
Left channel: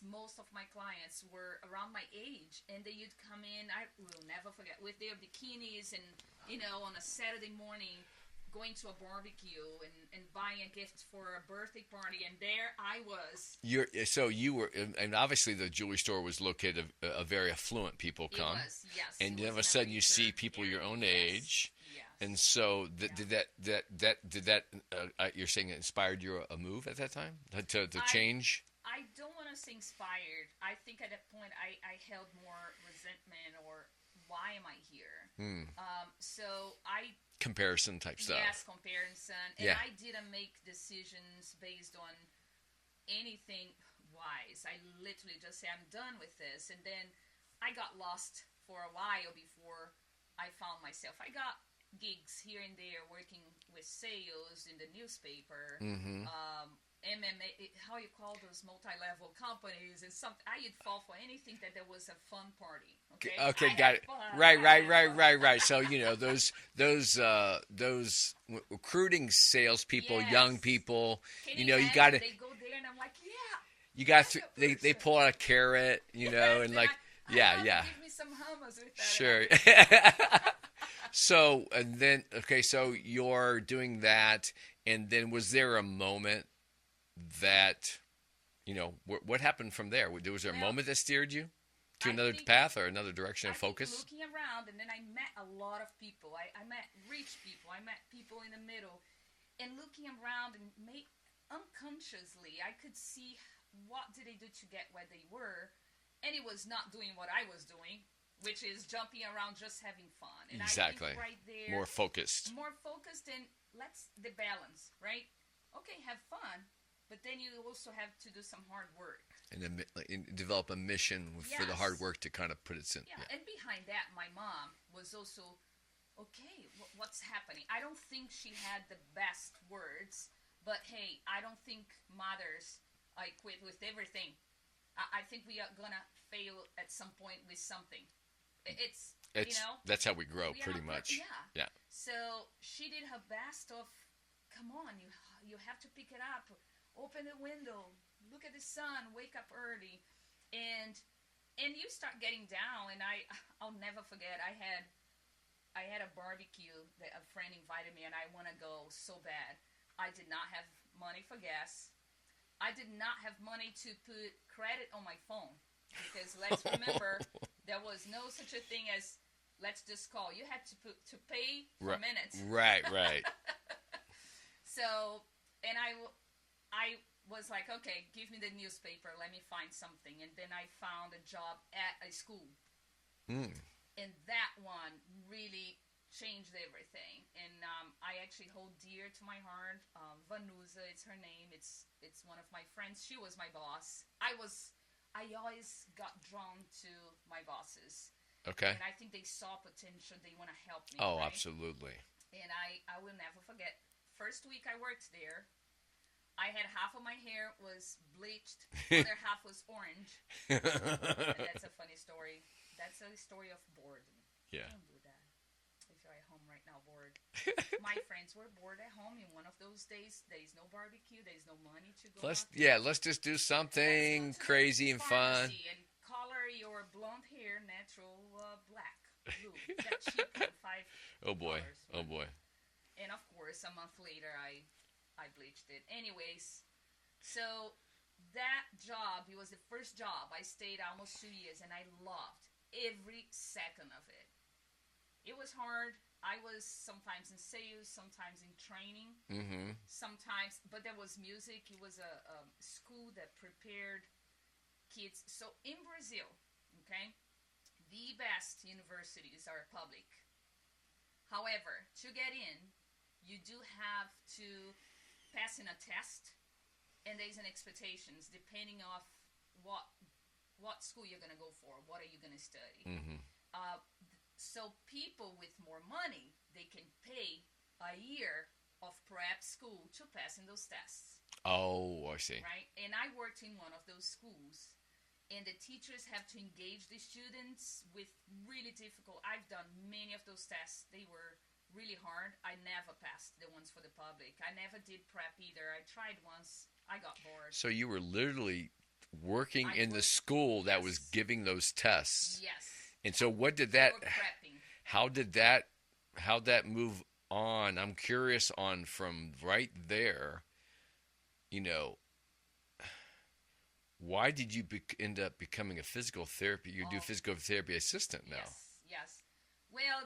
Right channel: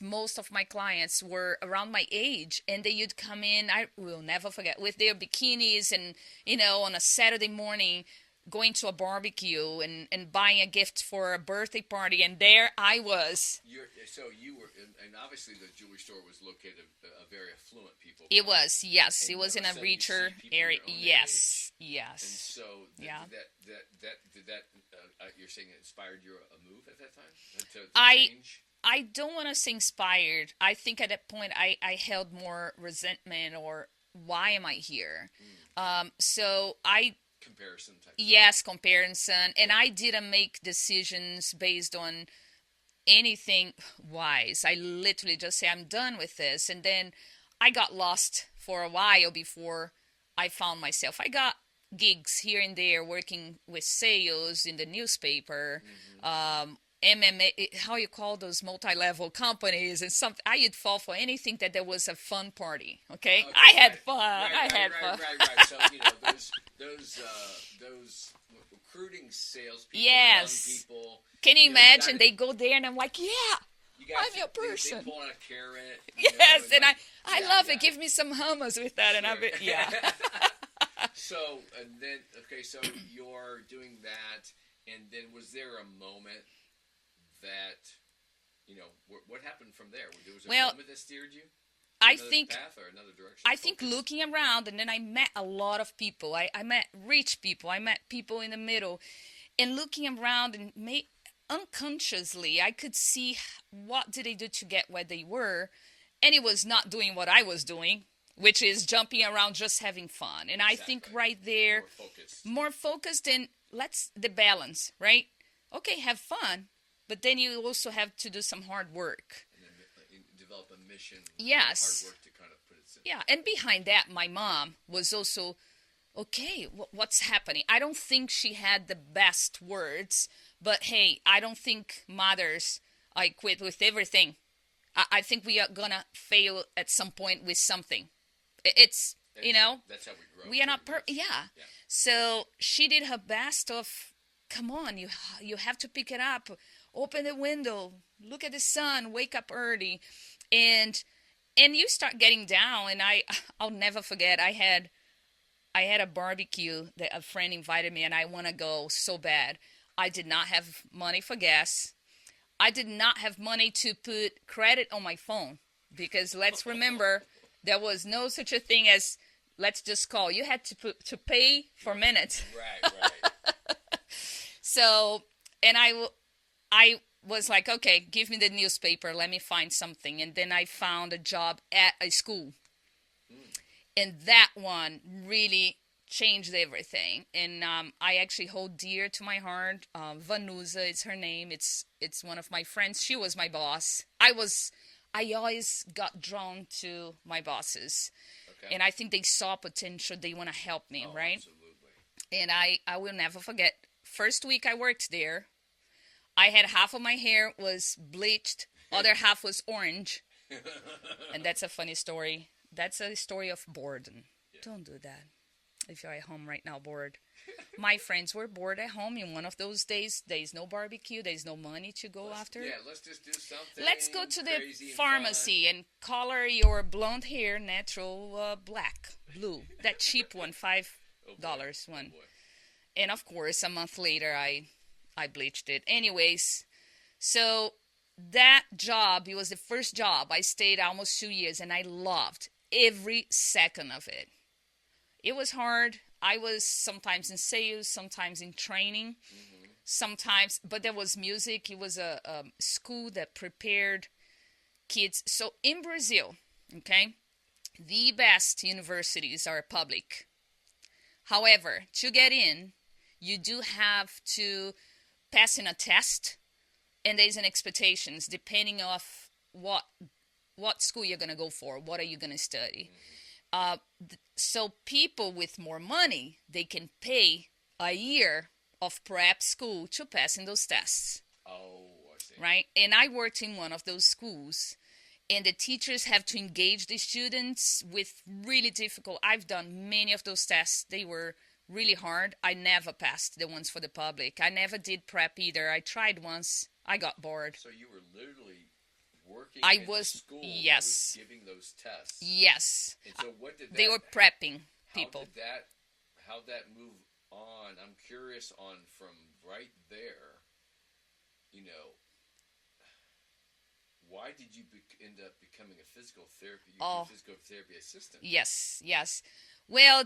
most of my clients were around my age, and they would come in, I will never forget, with their bikinis and, on a Saturday morning, going to a barbecue and buying a gift for a birthday party, and there I was. So you were, and obviously the jewelry store was located a very affluent people. It was, yes. And it was then in all of a sudden you richer see people area. your own Yes, age. yes. And so Yeah. did that you're saying it inspired you a move at that time to I- change? I don't want to say inspired. I think at that point I held more resentment, or why am I here? So I Comparison type stuff. Yes, comparison. And Yeah. I didn't make decisions based on anything wise. I literally just say, I'm done with this. And then I got lost for a while before I found myself. I got gigs here and there working with sales in the newspaper, MMA, how you call those multi-level companies and something. I would fall for anything that there was a fun party. Okay, Okay, I got had it. fun. Right, I right, had right, fun. right, right. So those recruiting salespeople, young Yes. people, Can you you got imagine? to They go there and I'm like, yeah, you got I'm to your they person. pull out a carrot, Yes, and and like I love it. Give me some hummus with that, and I'll sure. be yeah. So and then okay, so you're doing that, and then was there a moment that what happened from there? Was there a Well, moment that steered you to I another think path or another direction I of think focus? looking around, and then I met a lot of people. I met rich people. I met people in the middle, and looking around and unconsciously, I could see what did they do to get where they were, and it was not doing what I was doing, which is jumping around, just having fun. And I think Exactly. right there, More focused. more focused, and let's the balance, right? Okay, have fun, but then you also have to do some hard work. And then develop a mission for the hard Yes. work to kind of put it in. Yeah, and behind that, my mom was also okay. What's happening? I don't think she had the best words, but hey, I don't think mothers I quit with everything. I think we are gonna fail at some point with something. It's That's how we grow. we are not pretty much. yeah. Yeah. So she did her best of, come on, you have to pick it up, open the window, look at the sun, wake up early, and you start getting down. And I'll never forget. I had a barbecue that a friend invited me, and I want to go so bad. I did not have money for gas. I did not have money to put credit on my phone, because let's remember there was no such a thing as let's just call. You had to pay for minutes. Right, right. So, and I was like, okay, give me the newspaper. Let me find something. And then I found a job at a school. Mm. And that one really changed everything. And I actually hold dear to my heart. Vanusa is her name. It's one of my friends. She was my boss. I always got drawn to my bosses. Okay. And I think they saw potential. They want to help me, Oh, right? absolutely. And I will never forget. First week I worked there, I had half of my hair was bleached, other half was orange. And that's a funny story. That's a story of boredom. Yeah. Don't do that. If you're at home right now bored. My friends were bored at home in one of those days. There's no barbecue. There's no money to go after. Yeah, let's just do something Let's go to crazy the and pharmacy and color your blonde hair natural black, blue. That cheap one, $5 Oh boy. one. Oh boy. And of course, a month later, I bleached it. Anyways, so that job, it was the first job. I stayed almost 2 years, and I loved every second of it. It was hard. I was sometimes in sales, sometimes in training, sometimes, but there was music. It was a school that prepared kids. So in Brazil, okay, the best universities are public. However, to get in, you do have to pass in a test, and there's an expectations depending of what school you're gonna go for. What are you gonna study? So people with more money, they can pay a year of prep school to pass in those tests. Oh, I see. Right? And I worked in one of those schools, and the teachers have to engage the students with really difficult. I've done many of those tests. They were really hard. I never passed the ones for the public. I never did prep either. I tried once. I got bored. So you were literally working in the school that yes. was giving those tests. Yes. And so what did that? They were prepping. How did that? How'd that move on? I'm curious on from right there. Why did you end up becoming a physical therapy? You do physical therapy assistant now. Yes. Well,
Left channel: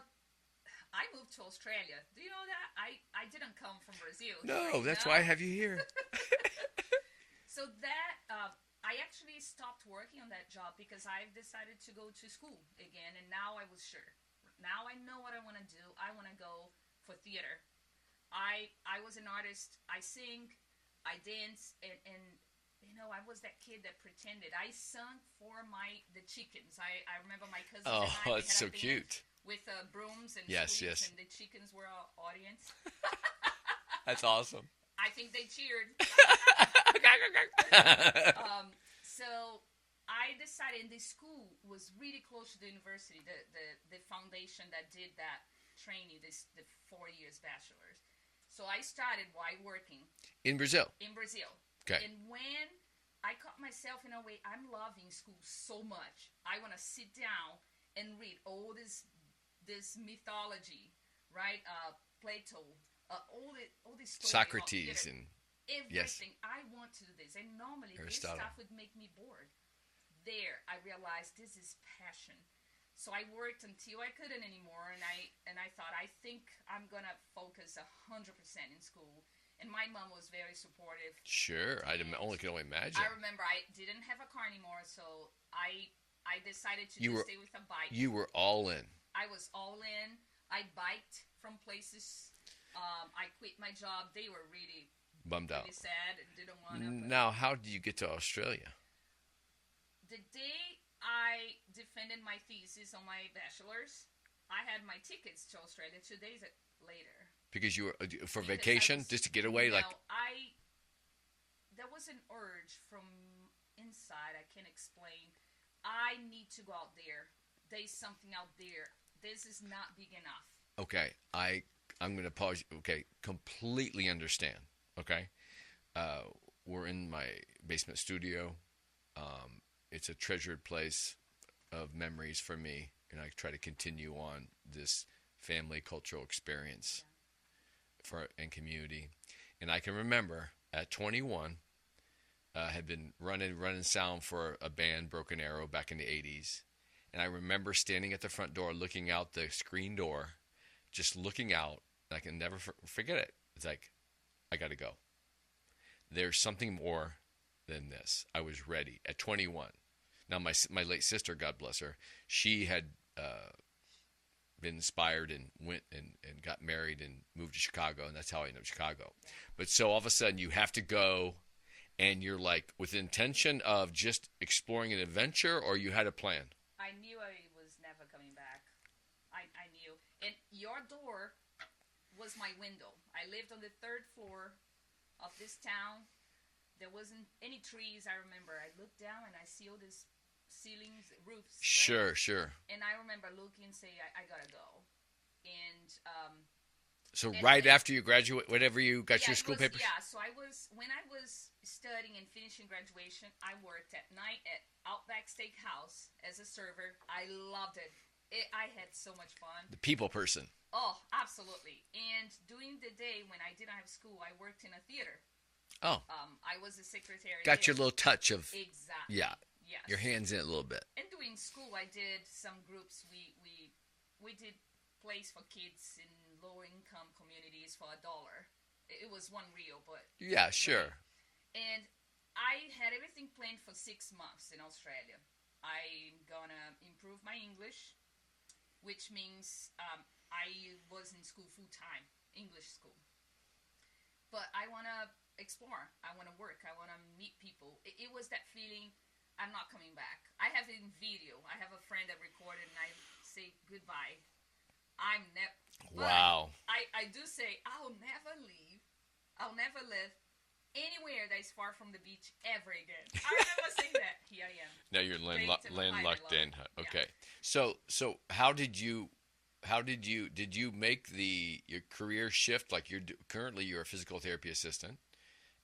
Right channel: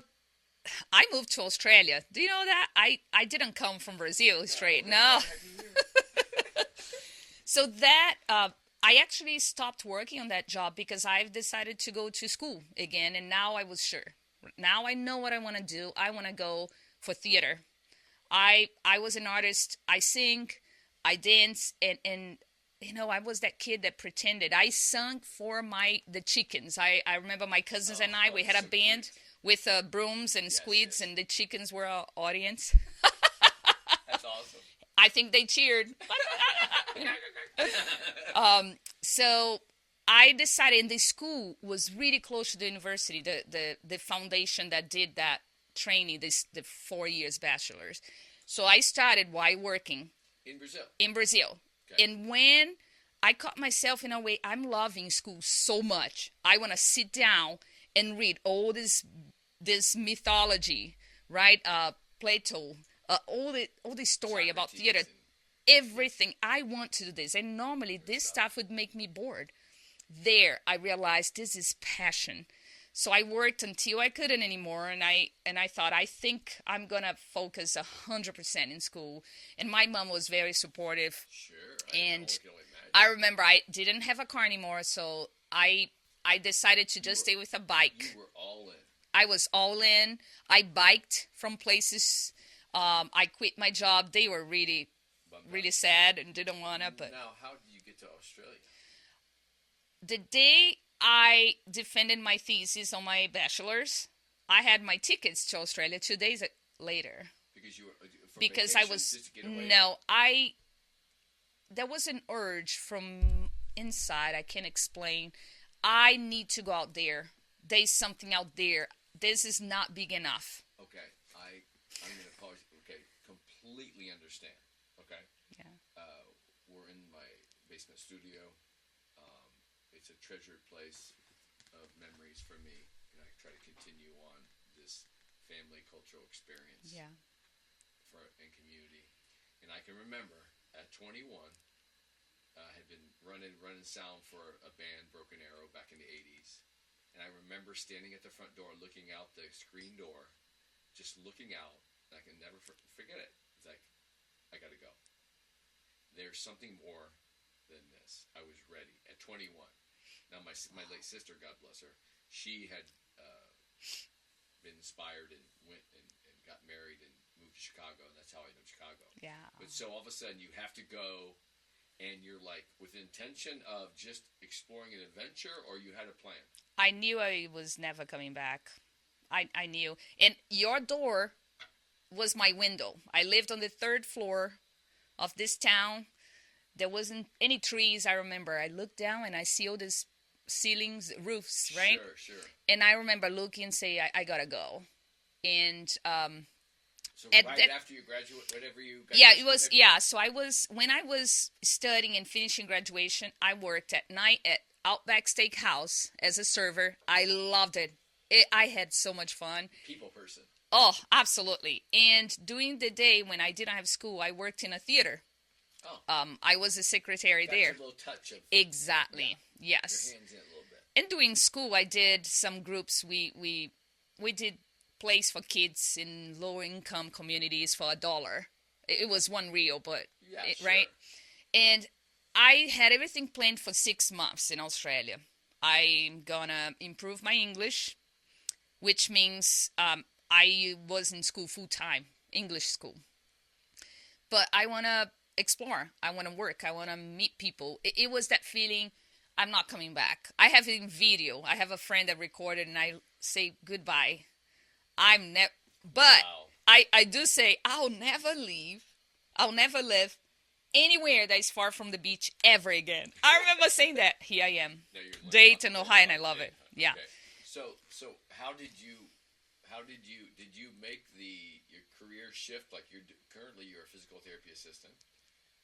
I moved to Australia. Do you know that? I didn't come from Brazil straight. That's why I have you here. So that I actually stopped working on that job because I've decided to go to school again, and now I was sure. Now I know what I want to do. I want to go for theater. I was an artist. I sing, I dance, and I was that kid that pretended. I sung for the chickens. I remember my cousins and I, we had a band cute. With brooms and squids, yes. and the chickens were our audience. That's awesome. I think they cheered. So I decided, and the school was really close to the university, the foundation that did that training, the 4 years bachelor's. So I started while working In Brazil. in Brazil. Okay. And when I caught myself in a way, I'm loving school so much. I want to sit down and read all this mythology, right? Plato, all the story about Socrates theater, and everything. I want to do this, and normally this Aristotle. stuff would make me bored. There, I realized this is passion. So I worked until I couldn't anymore, and I thought, I think I'm gonna focus 100% in school. And my mom was very supportive. Sure, And can only imagine. I remember I didn't have a car anymore, so I decided to just stay with a bike. You were all in. I was all in. I biked from places. I quit my job. They were really Bummed really out. sad and didn't want to. But Now, how did you get to Australia? the day I defended my thesis on my bachelor's, I had my tickets to Australia 2 days later. Because you were for Because vacation, I was, just to get away. No, there was an urge from inside. I can't explain. I need to go out there. There's something out there. This is not big enough. Okay, I'm going to pause. Okay, completely understand. Okay, Yeah. We're in my basement studio. It's a treasured place of memories for me, and I try to continue on this family cultural experience Yeah. and community. And I can remember at 21, had been running sound for a band, Broken Arrow, back in the 80s. And I remember standing at the front door, looking out the screen door, just looking out. And I can never forget it. It's like, I got to go. There's something more than this. I was ready at 21. Now, my late sister, God bless her, she had been inspired and went and got married and moved to Chicago, and that's how I ended up in Chicago. Yeah. But so all of a sudden, you have to go, and you're like, with the intention of just exploring an adventure, or you had a plan? I knew I was never coming back. I knew. And your door was my window. I lived on the 3rd floor of this town. There wasn't any trees, I remember. I looked down and I see all these ceilings, roofs, right? Sure. And I remember looking and say, I gotta go. And So after you graduate, whatever you got yeah, your it school was paper? yeah. So when I was studying and finishing graduation, I worked at night at Outback Steakhouse as a server. I loved it. I had so much fun. The people person. Oh, absolutely. And during the day when I didn't have school, I worked in a theater. Oh. I was a secretary there. Got your little touch of Exactly. Yeah. Yes. Your hands in it a little bit. And during school, I did some groups. We did plays for kids in lower income communities for $1. It was $1, but Yeah, sure. Right? And I had everything planned for 6 months in Australia. I'm gonna improve my English, which means I was in school full time, English school. But I wanna explore. I wanna work. I wanna meet people. It was that feeling. I'm not coming back. I have it in video. I have a friend that recorded, and I say goodbye. I'm never. But Wow. I do say I'll never leave. I'll never live anywhere that is far from the beach ever again. I remember saying that. Here I am. Now you're Dayton, Ohio, and I love it. Okay. Yeah. So how did you make your career shift? Like currently you're a physical therapy assistant.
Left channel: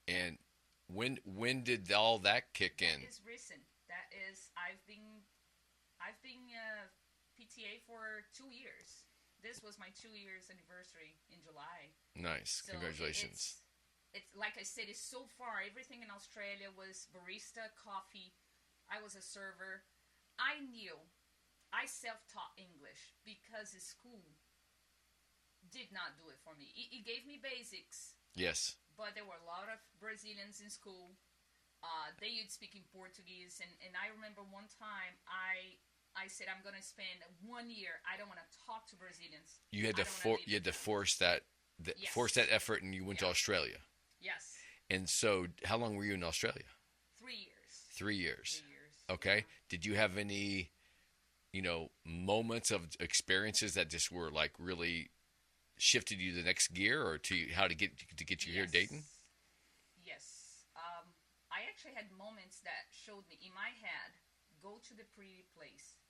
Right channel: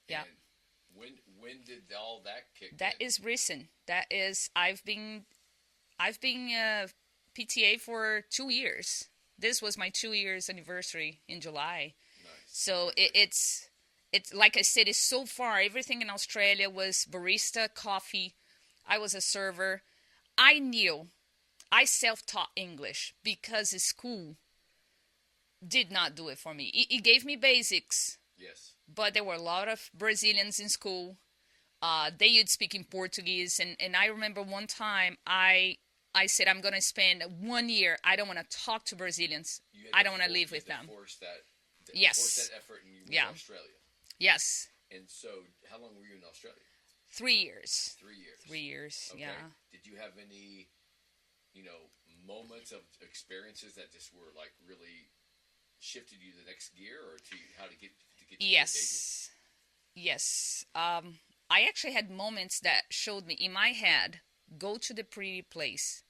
Yeah. And when did all that kick in? That is recent. That is I've been PTA for 2 years. This was my 2 years anniversary in July. Nice. So Congratulations. it's like I said, it's so far. Everything in Australia was barista, coffee. I was a server. I knew. I self-taught English because the school did not do it for me. It gave me basics. Yes. But there were a lot of Brazilians in school. They would speak in Portuguese. And I remember one time I said, I'm going to spend 1 year. I don't want to talk to Brazilians. I don't want to live with them. You had to force that, Yes. force that effort, and you went to Australia. Yes. And so how long were you in Australia? 3 years. 3 years. 3 years. Okay. Yeah. Did you have any, moments of experiences that just were like really shifted you the next gear, or how to get you here in Dayton? Yes. I actually had moments that showed me in my head, go to the pretty place,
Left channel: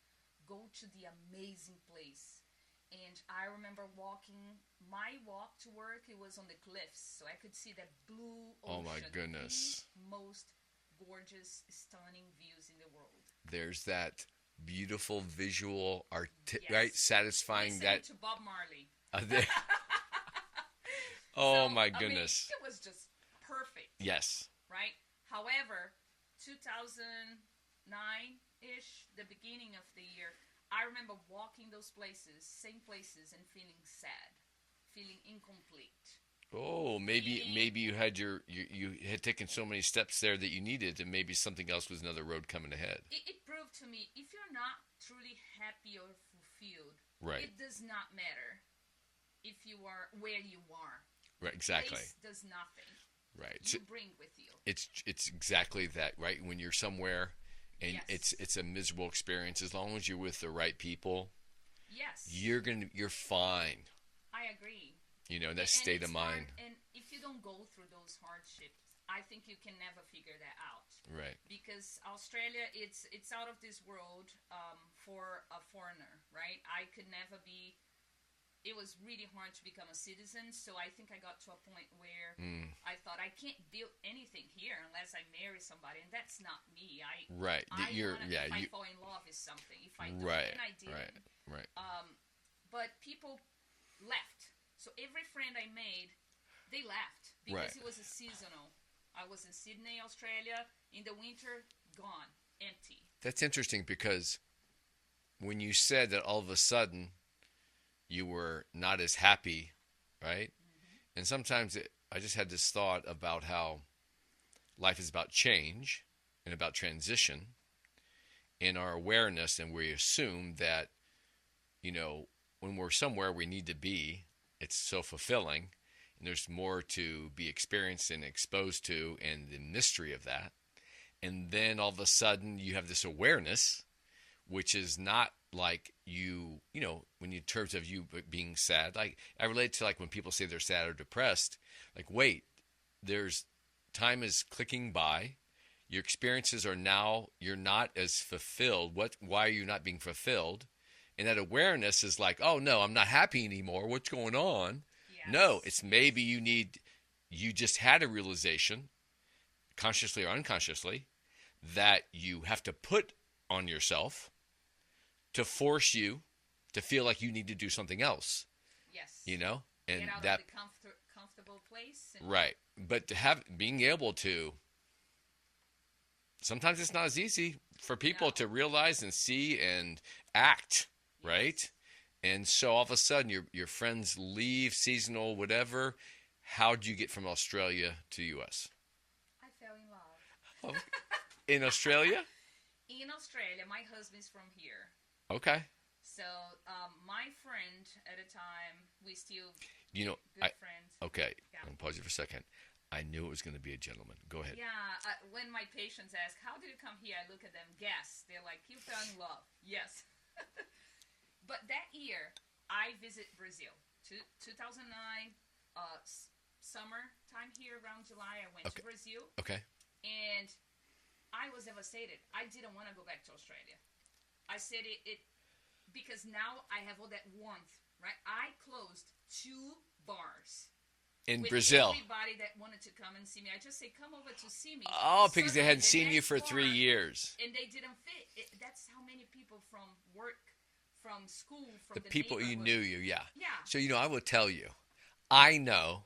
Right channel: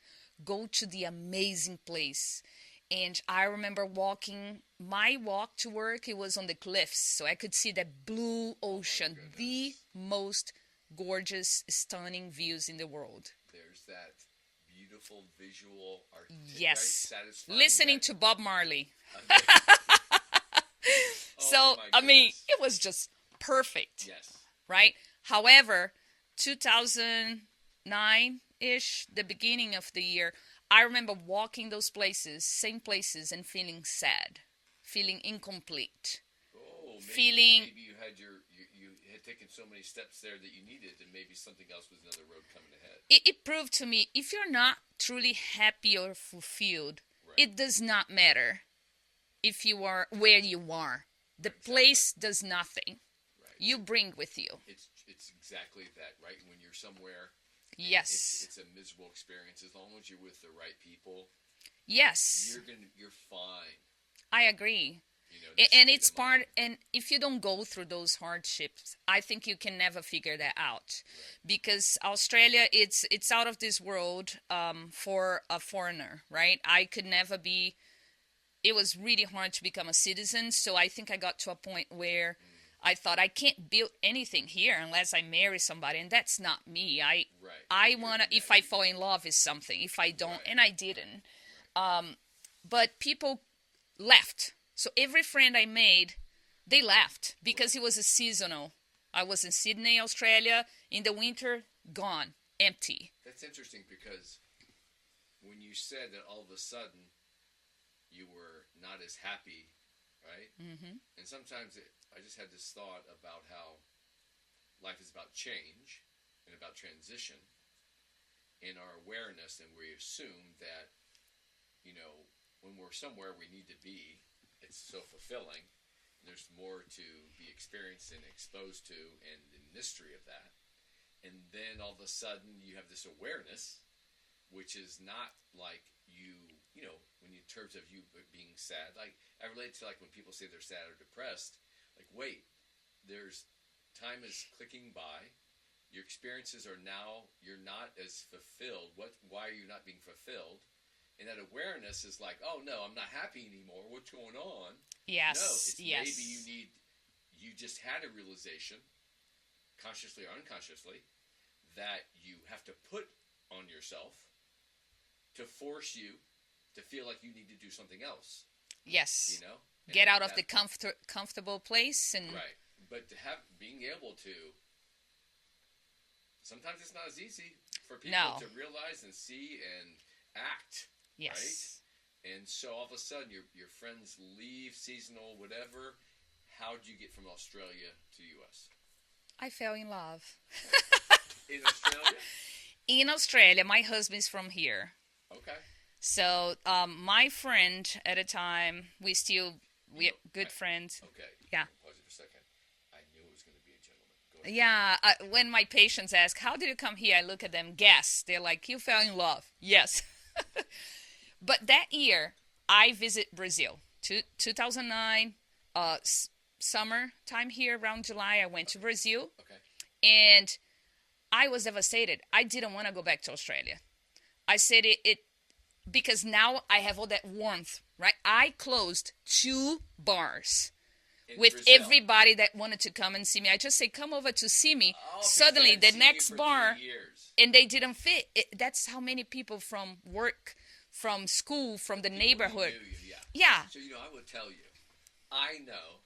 go to the amazing place. And I remember walking, my walk to work, it was on the cliffs. So I could see the blue Oh my ocean, the goodness. most gorgeous, stunning views in the world. There's that beautiful visual, right? Yes. Satisfying Listening that. to Bob Marley. There- oh So, my I mean, goodness. it was just perfect, Yes. right? However, 2009 ish, the beginning of the year, I remember walking those places, same places, and feeling sad, feeling incomplete, Oh, feeling, maybe you had you had taken so many steps there that you needed, and maybe something else was another road coming ahead. it proved to me if you're not truly happy or fulfilled, Right. it does not matter if you are where you are. The Right, exactly. place does nothing. Right. You bring with you. It's exactly that, right? When you're somewhere and Yes. it's a miserable experience, as long as you're with the right people, Yes. you're fine. I agree. You know, in that And state it's of mind. and if you don't go through those hardships, I think you can never figure that out. Right. Because Australia, it's out of this world for a foreigner, right? I could never be. It was really hard to become a citizen, so I think I got to a point where I thought I can't build anything here unless I marry somebody, and that's not me. Right. I You're- wanna, yeah, if I you- fall in love with something, if I don't, Right. and I didn't. Right. But people left. So every friend I made, they left because Right. it was a seasonal. I was in Sydney, Australia. In the winter, gone, empty. That's interesting because when you said that all of a sudden you were not as happy, right? And sometimes I just had this thought about how life is about change and about transition and our awareness, and we assume that, you know, when we're somewhere we need to be, it's so fulfilling, and there's more to be experienced and exposed to, and the mystery of that. And then all of a sudden you have this awareness, which is not like you know, when in terms of you being sad. Like I relate to like when people say they're sad or depressed. Like wait, there's time is clicking by. Your experiences are now you're not as fulfilled. Why are you not being fulfilled? And that awareness is like, oh no, I'm not happy anymore. What's going on? Yes. No, it's yes. maybe you just had a realization, consciously or unconsciously, that you have to put on yourself to force you to feel like you need to do something else. Yes. You know, and get out of the comfortable place and right. But to being able to, sometimes it's not as easy for people No. to realize and see and act, yes. right? And so all of a sudden your friends leave, seasonal, whatever. How'd you get from Australia to U.S.? I fell in love. In Australia? In Australia, my husband's from here. Okay. So my friend at a time, we're good friends. Okay. Yeah. I'm gonna pause you for a second. I knew it was going to be a gentleman. Go ahead. Yeah. When my patients ask, how did you come here? I look at them, guess. They're like, you fell in love. Yes. But that year, I visit Brazil. 2009, summer time here around July, I went to Brazil. Okay. And I was devastated. I didn't want to go back to Australia. I said it because now I have all that warmth, right? I closed 2 bars In with Brazil. everybody that wanted to come and see me. I just say, come over to see me. Oh, because Suddenly, they hadn't the seen next you for bar, 3 years. and they didn't fit. That's how many people from work, from school, from the people neighborhood. You knew you, yeah. Yeah. So, I will tell you, I know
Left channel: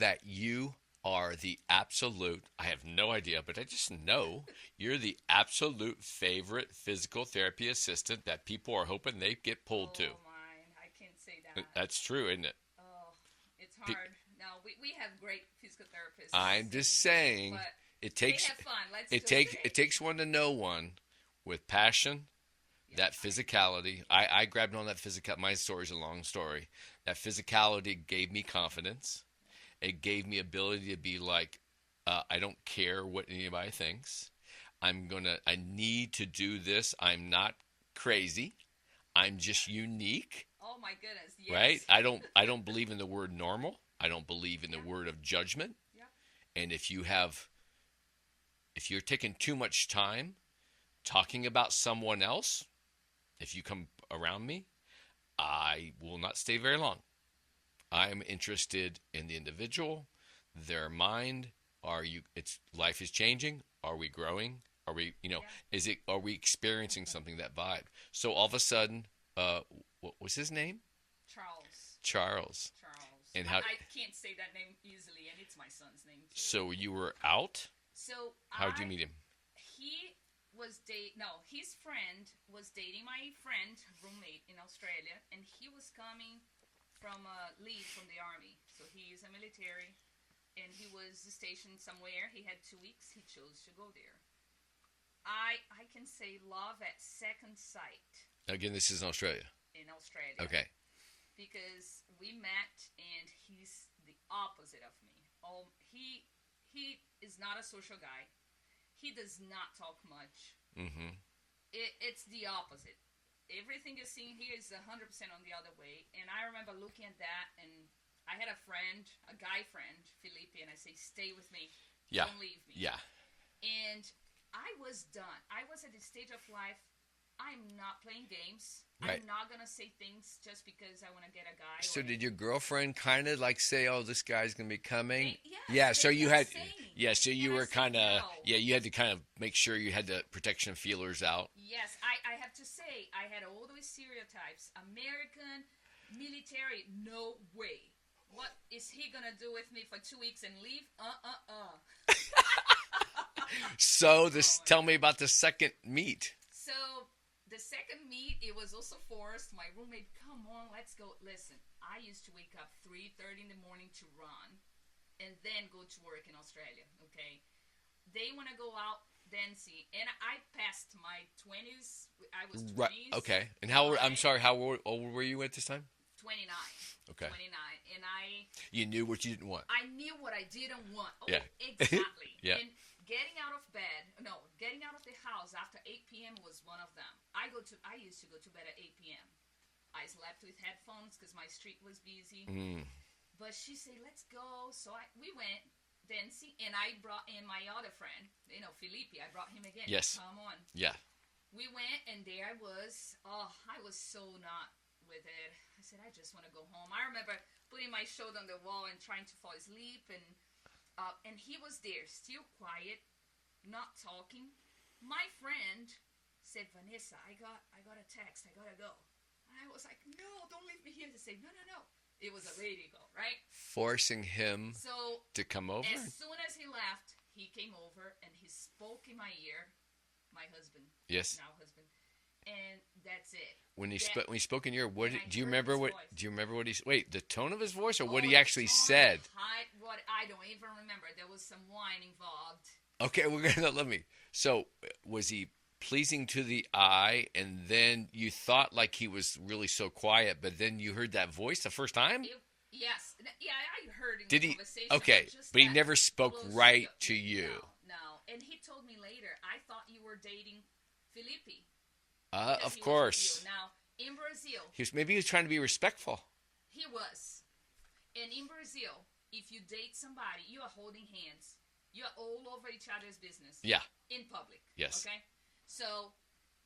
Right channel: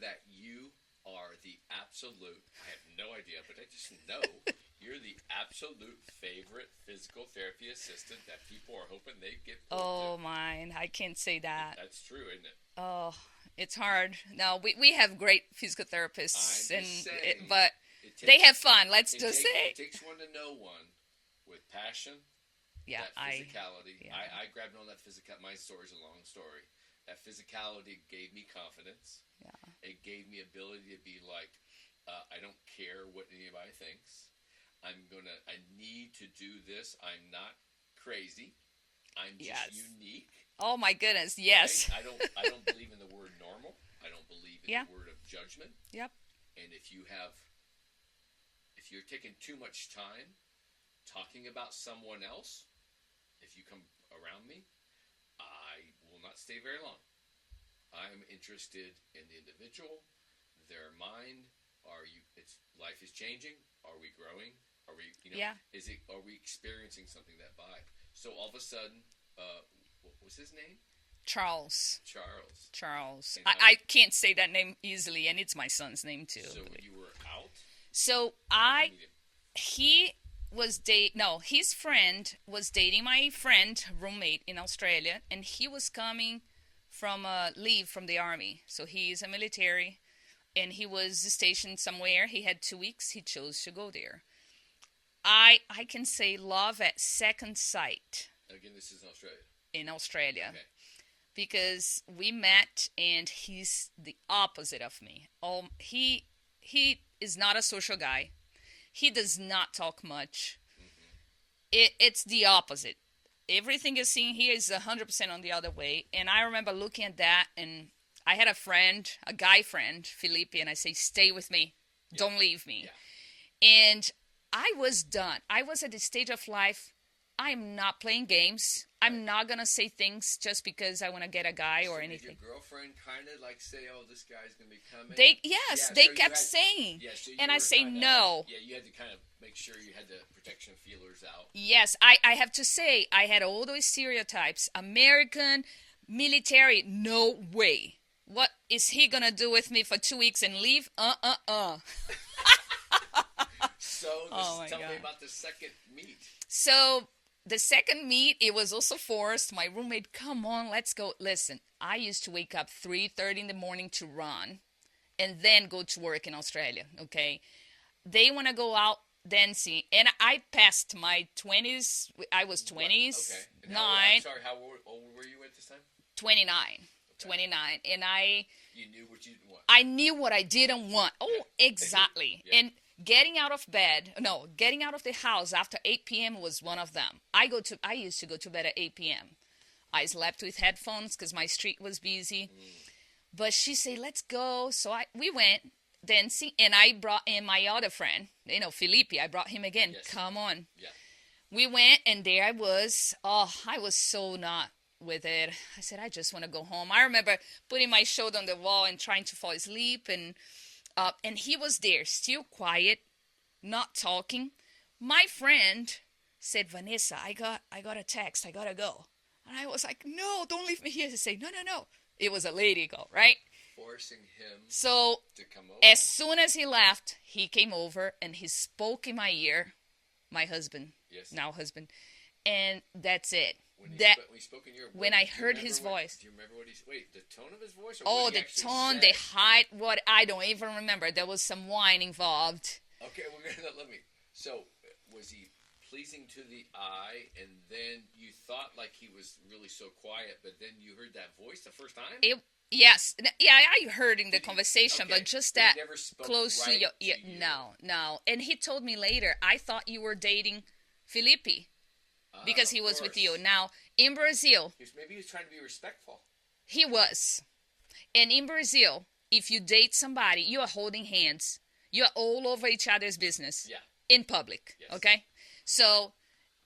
that you are the absolute, I have no idea, but I just know you're the absolute favorite physical therapy assistant that people are hoping they get pulled to. Oh, mine. I can't say that. That's true, isn't it? Oh, it's hard. No, we have great physical therapists. I'm just saying. But it they have fun. Let's just say. It takes one to know one with passion, that physicality. I grabbed on that physical. My story's a long story. That physicality gave me confidence. Yeah. It gave me ability to be like, I don't care what anybody thinks. I need to do this. I'm not crazy. I'm just unique. Oh my goodness, yes. Right? I don't believe in the word normal. I don't believe in the word of judgment. Yep. And if you're taking too much time talking about someone else, if you come around me, I will not stay very long. I am interested in the individual, their mind. Life is changing. Are we growing? Are we, Yeah. are we experiencing something, that vibe? So all of a sudden, what was his name? Charles. Charles. Charles. And I can't say that name easily, and it's my son's name too. So you were out? So How did you meet him? He was his friend was dating my friend, roommate in Australia, and he was coming from leave from the army. So he is a military, and he was stationed somewhere. He had 2 weeks. He chose to go there. I can say love at second sight. Again, this is in Australia. In Australia. Okay. Because we met, and he's the opposite of me. He is not a social guy. He does not talk much. Mm-hmm. It's the opposite. Everything you're seeing here is 100% on the other way. And I remember looking at that, and I had a guy friend, Felipe, and I say, stay with me. Yeah. Don't leave me. Yeah. And I was done. I was at the stage of life, I'm not playing games. Right. I'm not going to say things just because I want to get a guy or anything. So did your girlfriend kind of like say, oh, this guy's going to be coming? They so kept saying. Yeah, so you and were I say kinda, no. Yeah, you had to kind of make sure you had the protection feelers out. Yes, I have to say, I had all those stereotypes. American, military, no way. What is he going to do with me for 2 weeks and leave? So tell God. me about the second meet. So the second meet, it was also forced. My roommate, come on, let's go. Listen, I used to wake up 3:30 in the morning to run and then go to work in Australia, okay? They want to go out dancing, and I passed my 20s. I was 20s. Right. Okay. And how old were you at this time? 29. Okay. 29. And You knew what you didn't want. I knew what I didn't want. Oh, yeah. Exactly. Yeah. And getting out of the house after 8 p.m. was one of them. I used to go to bed at 8 p.m. I slept with headphones because my street was busy. But she said, let's go. So we went dancing, and I brought in my other friend, Felipe. I brought him again. Yes. Come on. Yeah. We went, and there I was. Oh, I was so not with it. I said, I just want to go home. I remember putting my shoulder on the wall and trying to fall asleep, and he was there, still quiet, not talking. My friend said, Vanessa, I got a text. I got to go. And I was like, no, don't leave me here. He said, no. It was a lady call, right? Forcing him to come over? As soon as he left, he came over, and he spoke in my ear, my husband. Yes. Now husband. And that's it. When he spoke in your ear, his voice. Do you remember what he said? Wait, the tone of his voice or what he actually said? The height, what I don't even remember. There was some wine involved. Okay, let me. So, was he pleasing to the eye, and then you thought like he was really so quiet, but then you heard that voice the first time? Yes. Yeah, I heard in the conversation, okay, but just but that he never spoke right to you. No. And he told me later, I thought you were dating Felipe. Because he was with you. Now, in Brazil... Maybe he was trying to be respectful. He was. And in Brazil, if you date somebody, you are holding hands. You are all over each other's business. Yeah. In public. Yes. Okay? So,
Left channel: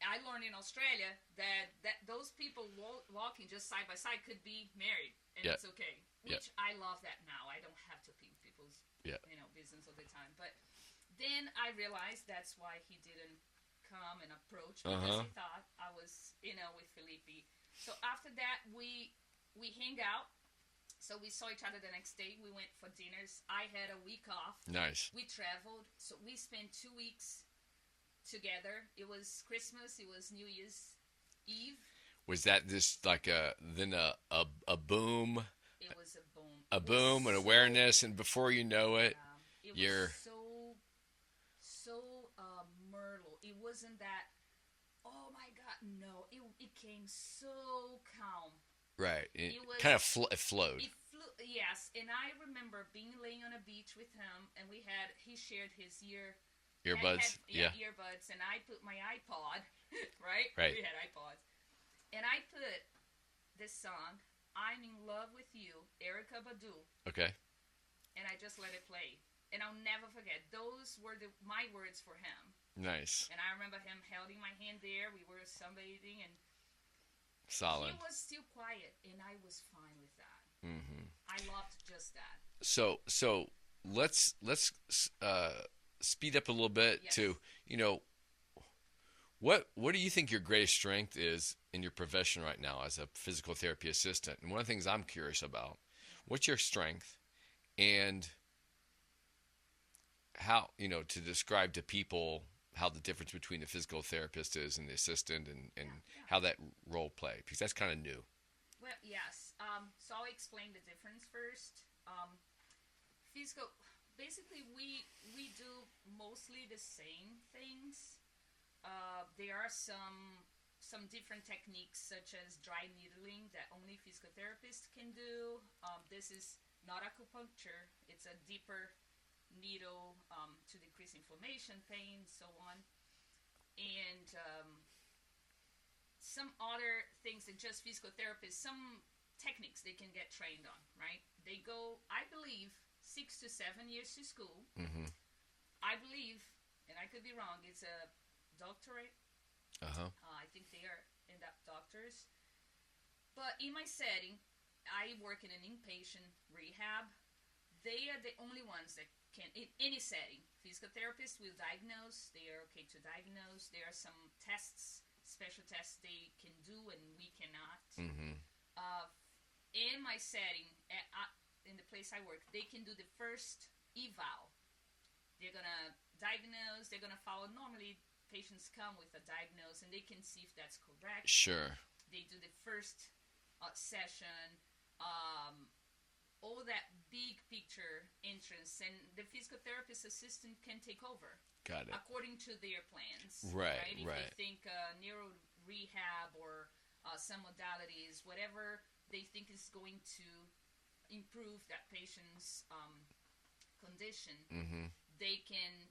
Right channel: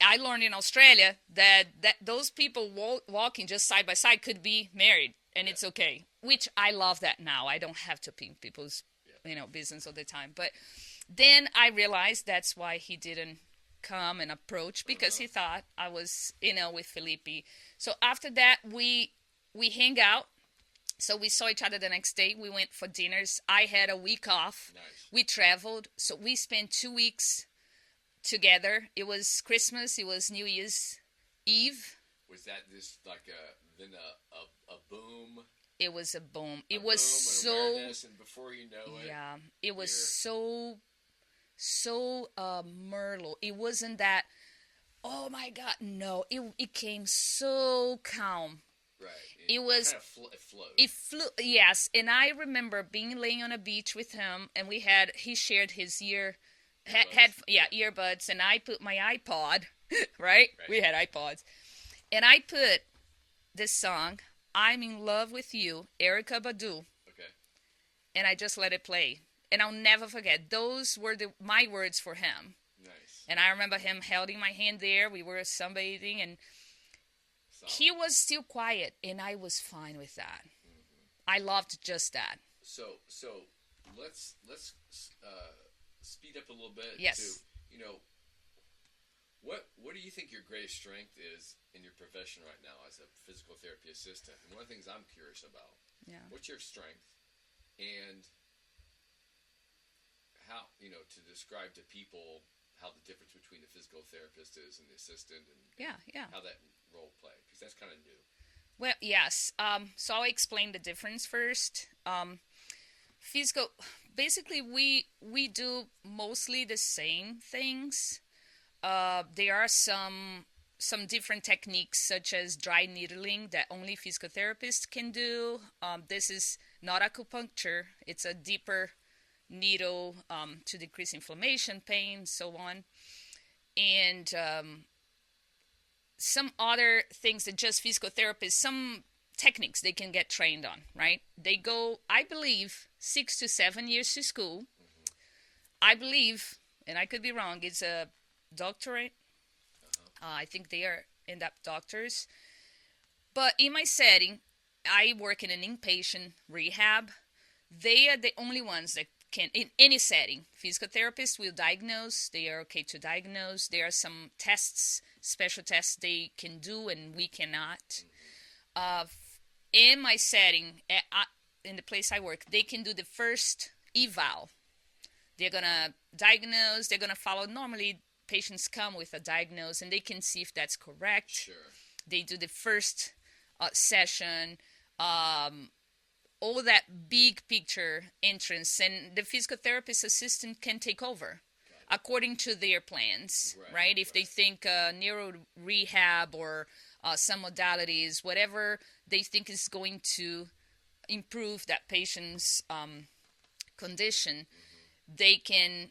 I learned in Australia that those people walking just side by side could be married. And it's okay. Which I love that now. I don't have to ping people's business all the time. But then I realized that's why he didn't come and approach, because he thought I was with Felipe. So after that we hang out. So we saw each other the next day. We went for dinners. I had a week off. Nice. We traveled. So we spent 2 weeks together. It was Christmas. It was New Year's Eve. Was that just like a boom? It was a boom. It was boom and awareness, and before you know it, it was so Merlot. It wasn't that, oh my God, no. It came so calm. Right. It was kind of it flowed. It flew, yes. And I remember laying on a beach with him, and he shared his earbuds. Earbuds, and I put my iPod, right? We had iPods. And I put this song, I'm in Love with You, Erykah Badu. Okay. And I just let it play. and I'll never forget. Those were my words for him. Nice. And I remember him holding my hand there. We were sunbathing, and Solid. he was still quiet, and I was fine with that. Mm-hmm. I loved just that. So let's speed up a little bit Yes. to, what do you think your greatest strength is in your profession right now as a physical therapy assistant? And one of the things I'm curious about, what's your strength, and how, to describe to people how the difference between the physical therapist is and the assistant, and how that role play, because that's kind of new. Well, yes. So I'll explain the difference first. Physical, basically, we do mostly the same things. There are some different techniques, such as dry needling, that only physical therapists can do. This is not acupuncture. It's a deeper needle to decrease inflammation, pain, so on. And some other things that just physical therapists, some techniques they can get trained on, right? They go, I believe, 6 to 7 years to school. Mm-hmm. I believe, and I could be wrong, it's a doctorate. I think they are in-depth doctors. But in my setting, I work in an inpatient rehab. They are the only ones that can, in any setting, physical therapists will diagnose. They are okay to diagnose. There are some tests, special tests they can do, and we cannot. Mm-hmm. In my setting, in the place I work, they can do the first eval. They're going to diagnose. They're going to follow. Normally, patients come with a diagnosis, and they can see if that's correct. Sure. They do the first session, all that big picture entrance, and the physical therapist assistant can take over. Got it. According to their plans, right? If they think neuro rehab or some modalities, whatever they think is going to improve that patient's condition, mm-hmm. they can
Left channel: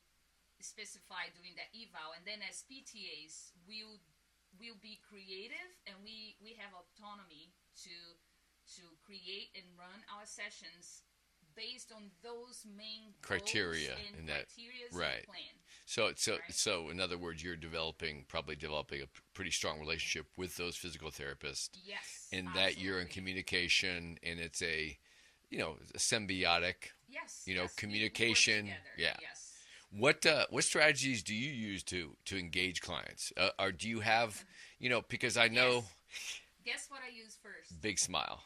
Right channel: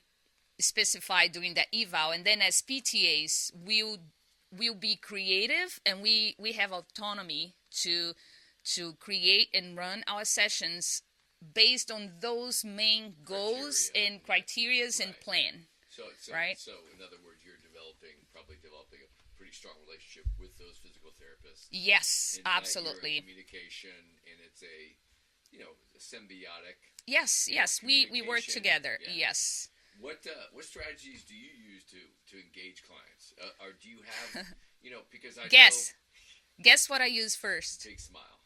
specify during that eval. And then as PTAs, we'll be creative, and we have autonomy to create and run our sessions based on those main goals and criteria and plan. So right? So in other words, you're probably developing a pretty strong relationship with those physical therapists. Yes, and absolutely. That you're in communication, and it's a symbiotic. Yes, we work together. Yeah. Yes. What strategies do you use to engage clients? Or do you have, because I know. Guess what I use first? Big smile.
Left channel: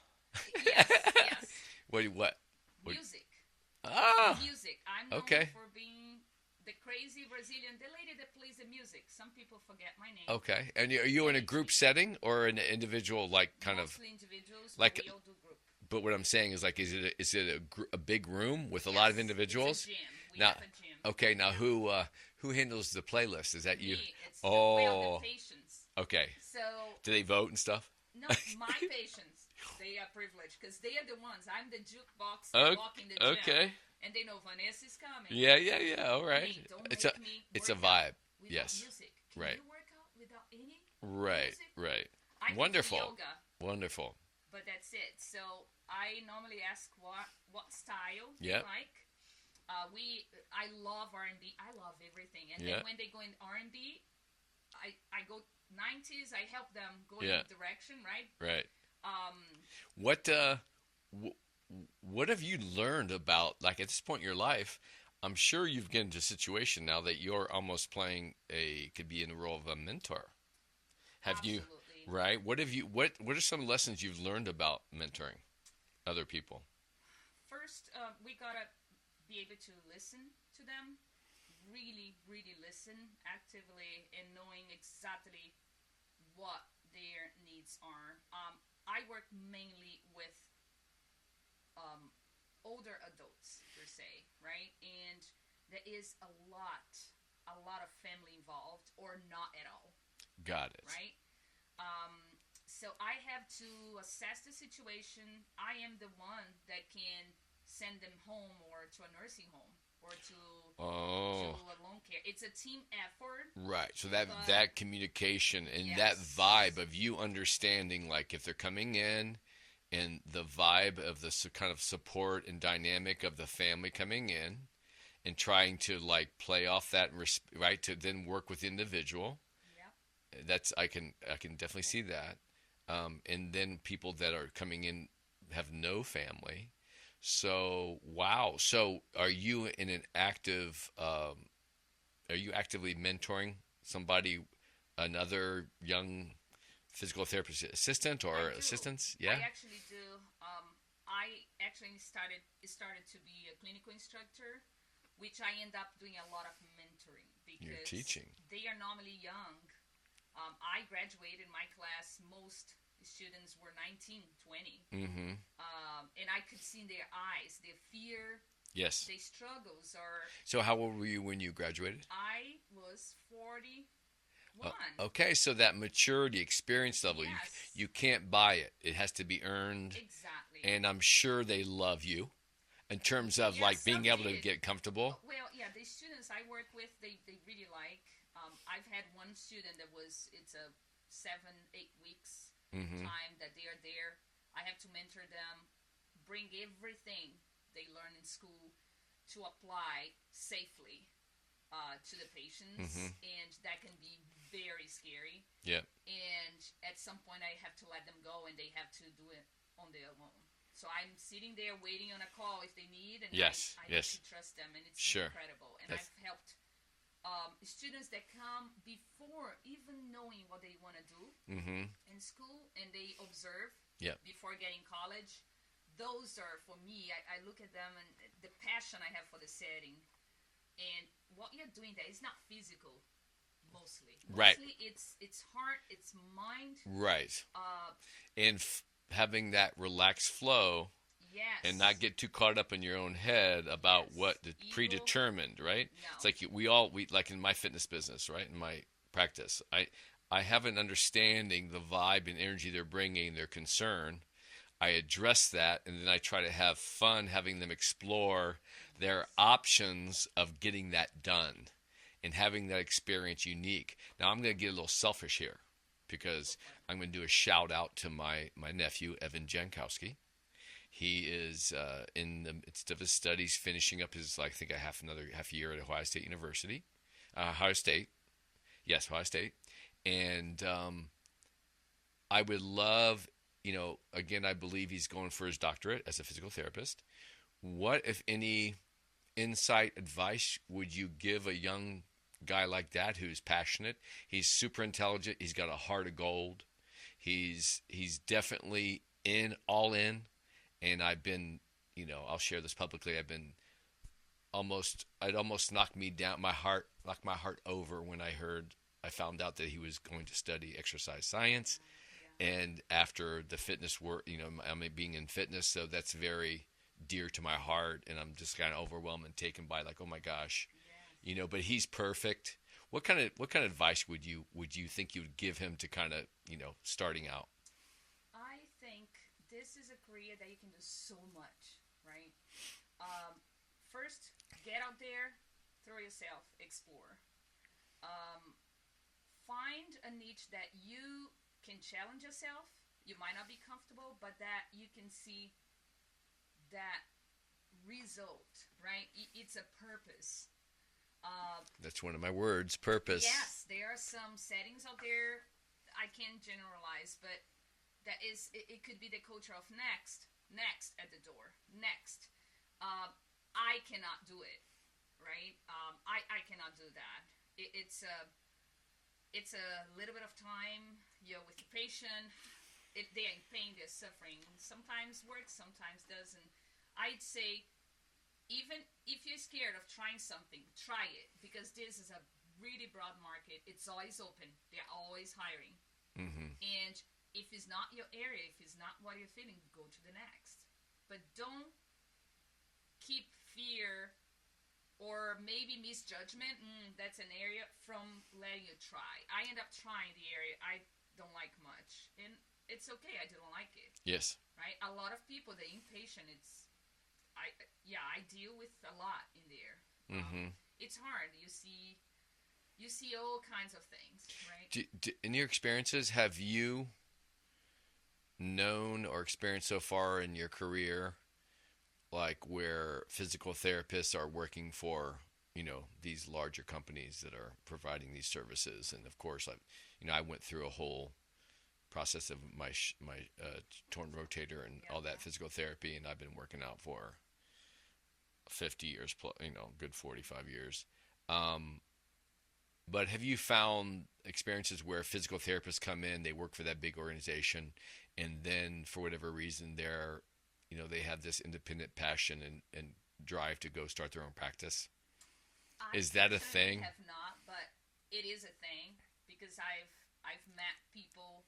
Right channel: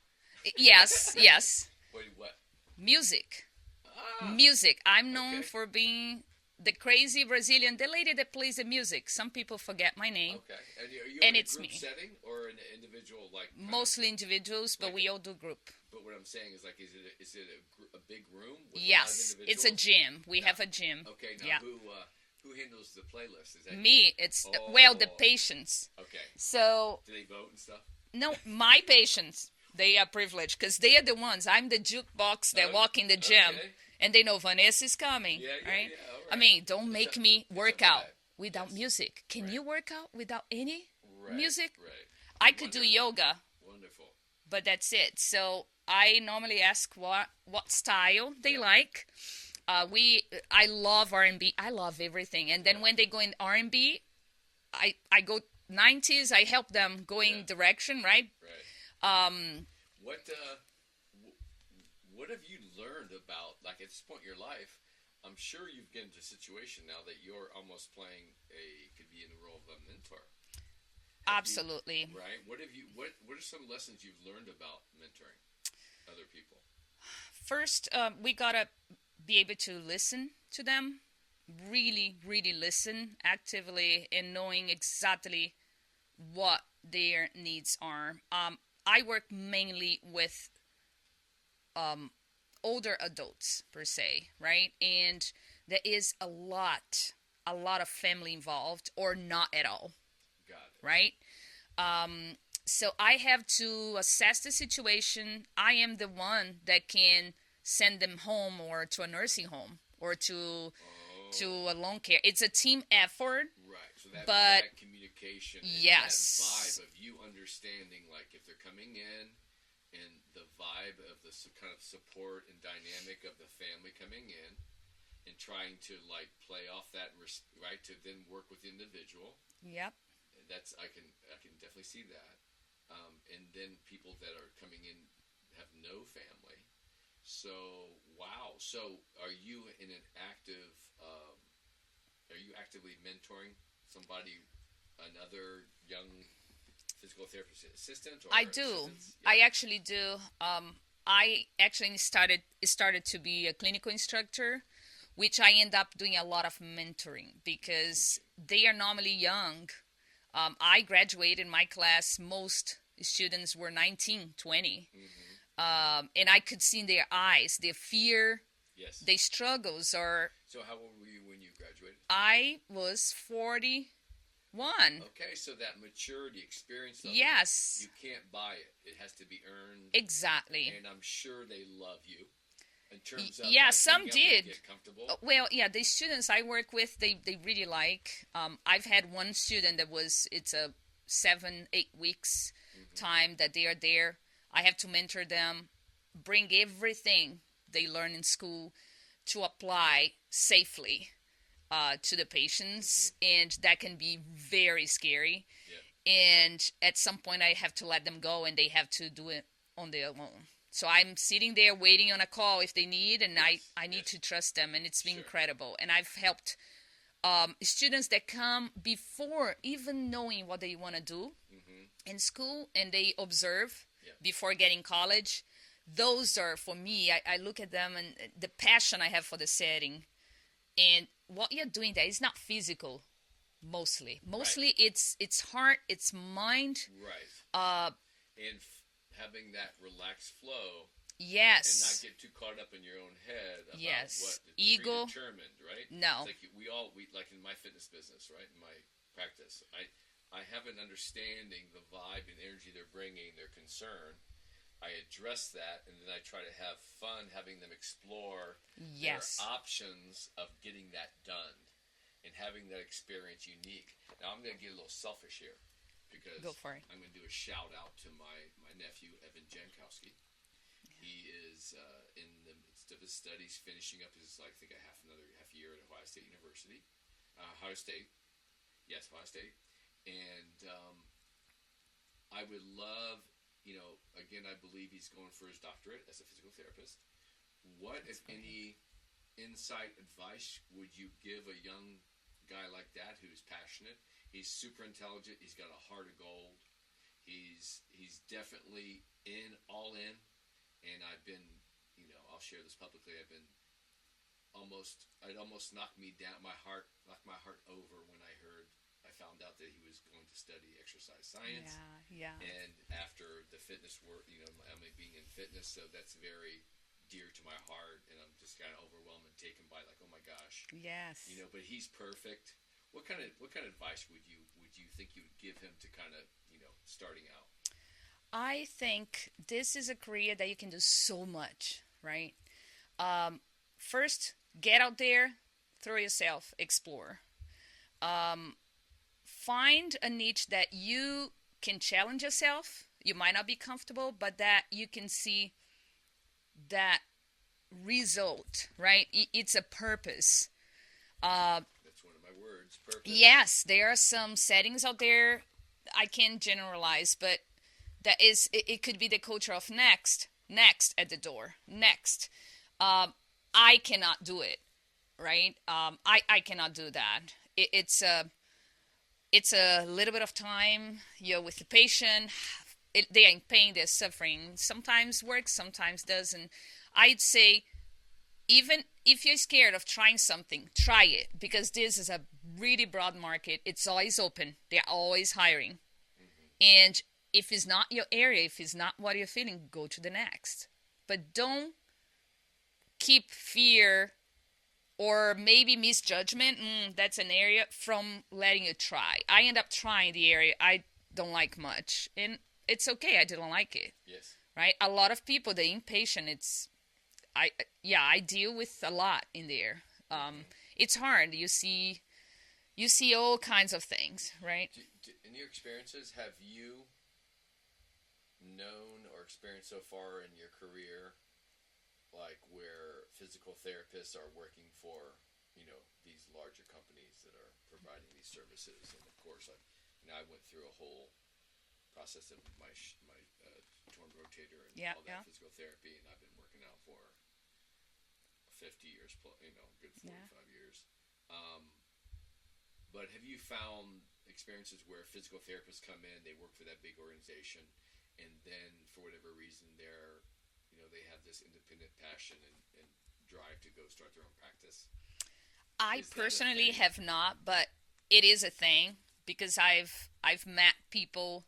Yes. What? Music. Ah. Music. I'm known for being the crazy Brazilian, the lady that plays the music. Some people forget my name. Okay. And are you in a group setting or an individual, mostly individuals, but we all do group. But what I'm saying is, is it a big room with a lot of individuals? It's a gym. We have a gym. Okay. Now who handles the playlist? Is that me? You? It's the patients. Okay. So do they vote and stuff? No, my patients, they are privileged because they are the ones. I'm the jukebox that walk in the gym, and they know Vanessa's coming. Yeah, all right. I mean, don't make me work out without music. Can right. you work out without any music? Right. I could do yoga. Wonderful. But that's it. So I normally ask what style they like. I love R&B. I love everything. And then when they go in R&B, I go 90s. I help them go in direction, right? Right. What have you learned about, at this point in your life? I'm sure you've gotten into a situation now that you're almost playing could be in the role of a mentor. Absolutely. Right. What are some lessons you've learned about mentoring other people? First, we gotta be able to listen to them, really, really listen actively, and knowing exactly what their needs are. I work mainly with older adults per se, right? And there is a lot of family involved, or not at all. Got it. Right? So I have to assess the situation. I am the one that can send them home, or to a nursing home, or to a long care. It's a team effort. Right. So that communication and that vibe of you understanding, if they're coming in, and the vibe of the kind of support and dynamic of the family coming in, and trying to like play off that and right to then work with the individual. Yep. That's I can definitely see that. And then people that are coming in have no family. So wow. So are you in an active? Are you actively mentoring somebody, another young physical therapist assistant or I do. assistants? Yeah. I actually do. I actually started to be a clinical instructor, which I end up doing a lot of mentoring You're because teaching. they are normally young. I graduated my class. Most students were 19, 20. Mm-hmm. And I could see in their eyes their fear, Yes. their struggles. Or So how old were you when you graduated? I was 41. Okay, so that maturity, experience level, Yes, you can't buy it. It has to be earned. exactly. And I'm sure they love you in terms of Yeah, like some being able to did. get comfortable. Well, yeah, the students I work with, they really like. I've had one student that it's a 7-8 weeks Mm-hmm. time that they are there. I have to mentor them, bring everything they learn in school to apply safely to the patients, and that can be very scary. Yeah. And at some point, I have to let them go, and they have to do it on their own. So I'm sitting there waiting on a call if they need, and Yes, I need yes. to trust them, and it's been Sure. incredible. And Yes. I've helped students that come before even knowing what they want to do Mm-hmm. in school, and they observe Yeah. before getting college. Those are, for me, I look at them and the passion I have for the setting, and what you're doing there is not physical mostly. Right. Mostly it's heart, it's mind. Right. Uh, And having that relaxed flow yes. and not get too caught up in your own head about Yes. what the Ego. predetermined, right? No. It's like we like in my fitness business, right? In my practice, I have an understanding the vibe and energy they're bringing, their concern. I address that, and then I try to have fun having them explore their Yes. options of getting that done and having that experience unique. Now, I'm going to get a little selfish here because Go for it. I'm going to do a shout out to my nephew, Evan Jankowski. He is in the midst of his studies, finishing up his, like, I think, another half year at Ohio State University. Ohio State. Yes, Ohio State. And I would love, again, I believe he's going for his doctorate as a physical therapist. What, if any, insight, advice would you give a young guy like that who's passionate? He's super intelligent. He's got a heart of gold. He's definitely all in. And I've been, I'll share this publicly. It almost knocked me down, knocked my heart over when I found out that he was going to study exercise science. Yeah. And after the fitness work, I'm being in fitness, so that's very dear to my heart, and I'm just kind of overwhelmed and taken by, like, oh my gosh, Yes. But he's perfect. What kind of advice would you think you would give him to kind of starting out? I think this is a career that you can do so much, right? First, get out there, throw yourself, explore. Find a niche that you can challenge yourself. You might not be comfortable, but that you can see that result, right? It's a purpose. That's one of my words, purpose. Yes, there are some settings out there. I can't generalize, but it could be the culture of next at the door, next. I cannot do it, right? I cannot do that. It's a little bit of time. You're with the patient. They are in pain. They're suffering. Sometimes works, sometimes doesn't. I'd say, even if you're scared of trying something, try it, because this is a really broad market. It's always open. They're always hiring. Mm-hmm. And if it's not your area, if it's not what you're feeling, go to the next. But don't keep fear or maybe misjudgment, that's an area, from letting you try. I end up trying the area I don't like much. And it's okay, I didn't like it. Yes. Right? A lot of people, the inpatient, I deal with a lot in there. It's hard. You see all kinds of things, right? In your experiences, have you known or experienced so far in your career like where physical therapists are working for, these larger companies that are providing these services. And of course, I went through a whole process of my torn rotator and Yeah, all that yeah. physical therapy, and I've been working out for 50 years plus, good Yeah. 45 years. Um, but have you found experiences where physical therapists come in, they work for that big organization, and then for whatever reason they have this independent passion and drive to go start their own practice? I Is that a personally thing? have not, but it is a thing because I've met people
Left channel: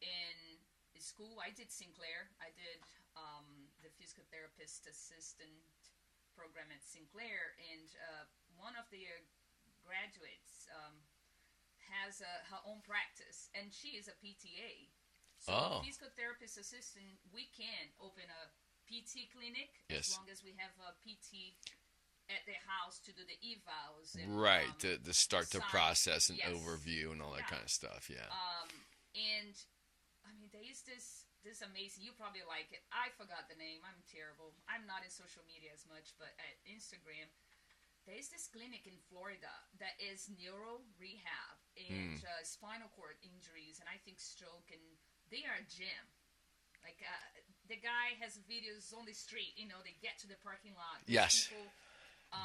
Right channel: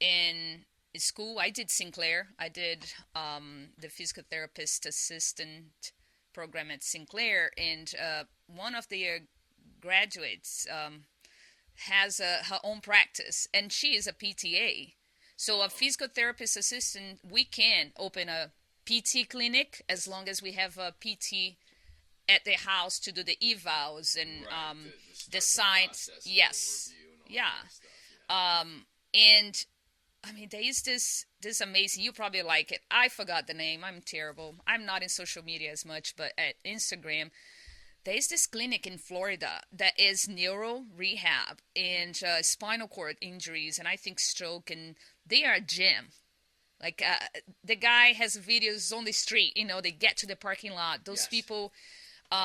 in school. I did Sinclair. I did the physical therapist assistant program at Sinclair, and one of the graduates has her own practice, and she is a PTA. So a Oh, physical therapist assistant, we can open a PT clinic as yes. long as we have a PT at the house to do the evals and Right. To the start the signs. process and Yes, overview and all that kind yeah. of stuff. Yeah. And I mean, there is this amazing. You probably like it. I forgot the name. I'm terrible. I'm not in social media as much, but at Instagram, there is this clinic in Florida that is neuro rehab and Mm. spinal cord injuries, and I think stroke, and they are a gym. Like the guy has videos on the street. They get to the parking lot. Those Yes. people,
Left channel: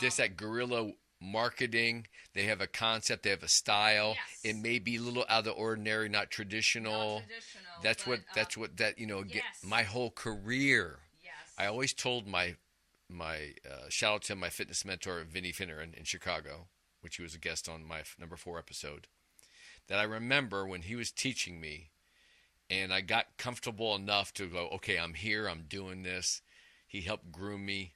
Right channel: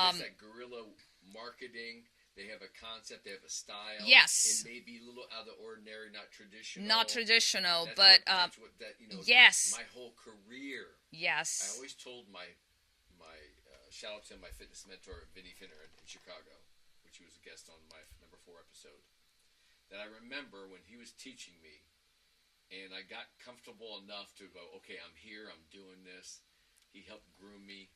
Just that guerrilla marketing. They have a concept. They have a style. It yes, may be a little out of the ordinary, not not traditional. traditional, That's but what. That's what. That yes, my whole career. I yes. always told my shout out to my fitness mentor Vinny Finner in Chicago, which he was a guest on my number 4 episode. That I remember when he was teaching me, and I got comfortable enough to go, okay, I'm here, I'm doing this. He helped groom me.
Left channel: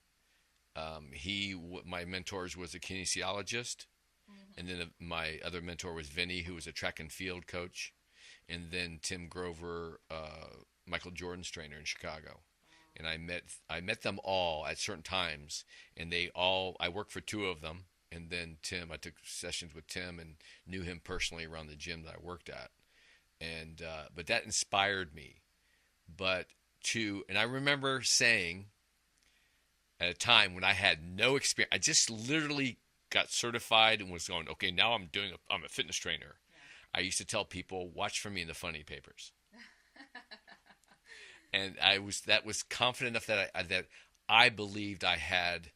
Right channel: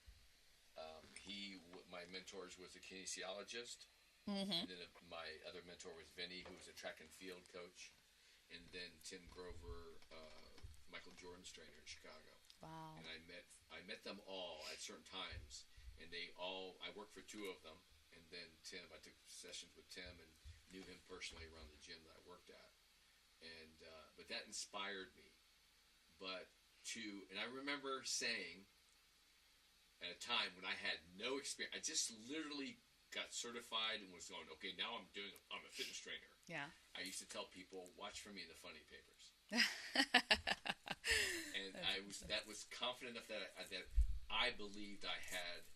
My mentors was a kinesiologist, and Hmm. then my other mentor was Vinny, who was a track and field coach, and then Tim Grover, Michael Jordan's trainer in Chicago. Wow. And I met them all at certain times, and I worked for 2 of them, and then Tim, I took sessions with Tim and knew him personally around the gym that I worked at, and but that inspired me. And I remember saying at a time when I had no experience, I just literally got certified and was going, okay, now I'm a fitness trainer. Yeah. I used to tell people, watch for me in the funny papers, and that was confident enough that I believed I had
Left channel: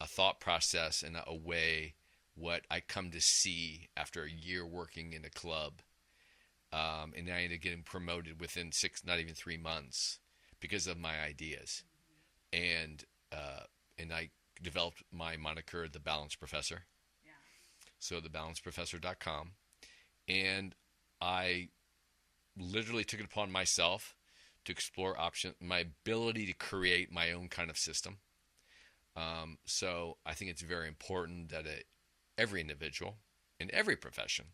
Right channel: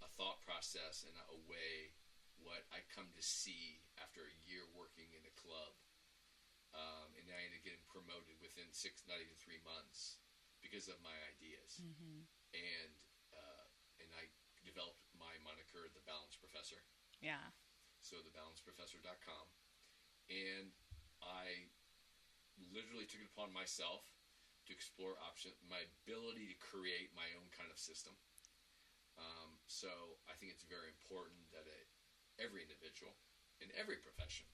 a thought process and a way what I come to see after a year working in a club. And I ended up getting promoted within 6, not even 3 months, because of my ideas. Hmm. And and I developed my moniker, the Balance Professor. Yeah. So thebalanceprofessor.com, and I literally took it upon myself to explore my ability to create my own kind of system. So I think it's very important that every individual in every profession,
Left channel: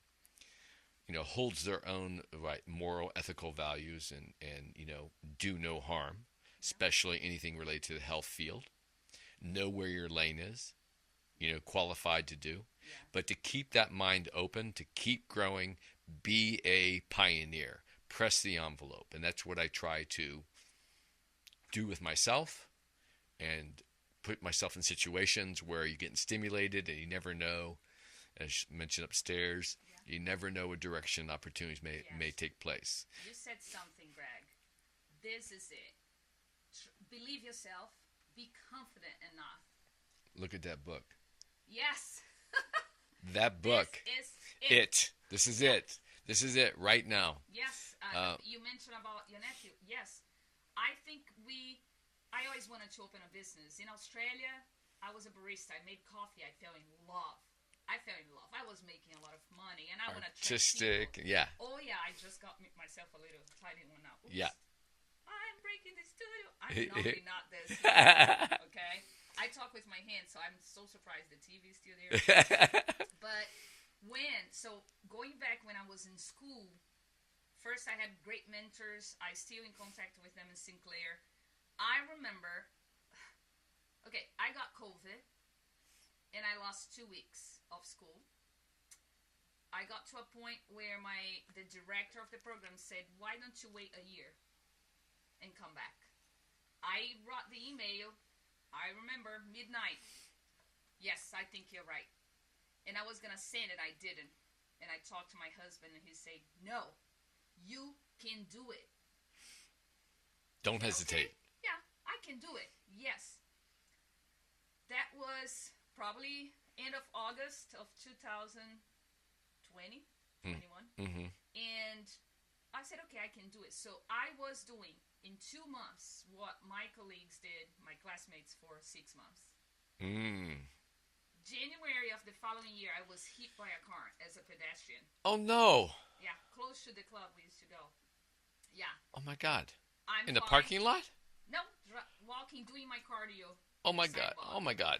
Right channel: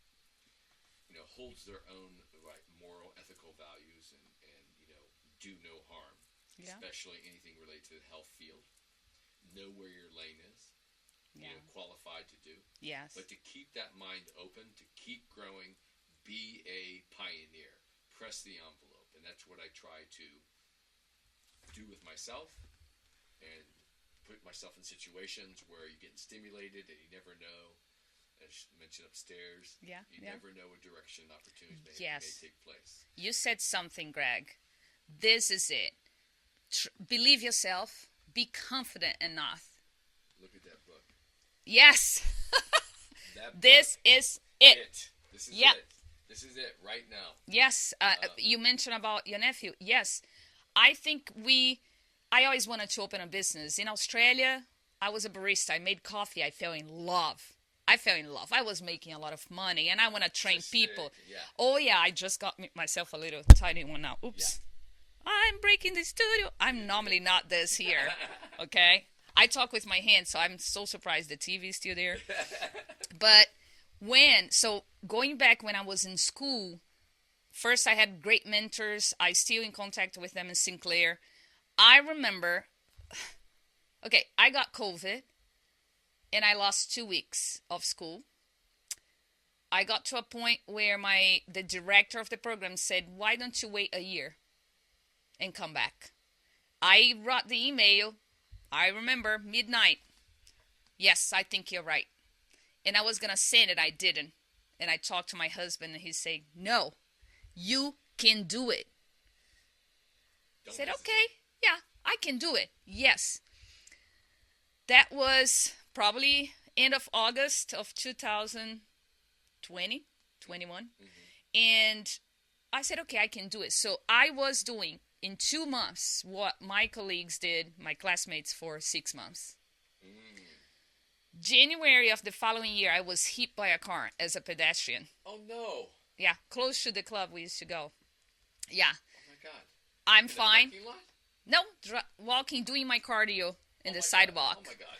holds their own right moral, ethical values, and do no harm, Yeah. especially anything related to the health field. Know where your lane is, Yeah. qualified to do, Yes. but to keep that mind open, to keep growing, be a pioneer, press the envelope, and that's what I try to do with myself, and put myself in situations where you're getting stimulated and you never know, as mentioned upstairs, Yeah. you Yeah. never know what direction opportunities may Yes. take place. You said something, Greg. This is it. Believe yourself. Be confident enough. Look at that book. Yes. That This book. is it. This is Yep. it. This is it right now. Yes. Uh, You mentioned about your nephew. Yes. I think I always wanted to open a business. In Australia, I was a barista. I made coffee. I fell in love. I fell in love. I was making a lot of money, and I want to train people. Artistic. Yeah. Oh yeah, I just got myself a little tiny one now. Yeah. Oops. I'm breaking the studio. I'm normally not this here. Okay. I talk with my hands, so I'm so surprised the TV is still there. But going back when I was in school, first I had great mentors. I still in contact with them in Sinclair. I remember, okay, I got COVID and I lost 2 weeks of school. I got to a point where the director of the program said, "Why don't you wait a year and come back?" I wrote the email. I remember midnight. Yes, I think you're right. And I was going to send it. I didn't. And I talked to my husband and he said, no, you can do it. Don't I said, hesitate. okay, yeah, I can do it. Yes. That was probably end of August of 2020, 21. And I said, okay, I can do it. So I was doing in 2 months what my colleagues did, my classmates, for 6 months. January of the following year, I was hit by a car as a pedestrian. Oh, no. Yeah, close to the club we used to go. Yeah. Oh, my God. I'm in fine. The parking lot? No, walking, doing my cardio on the God. sidewalk. Oh, my God.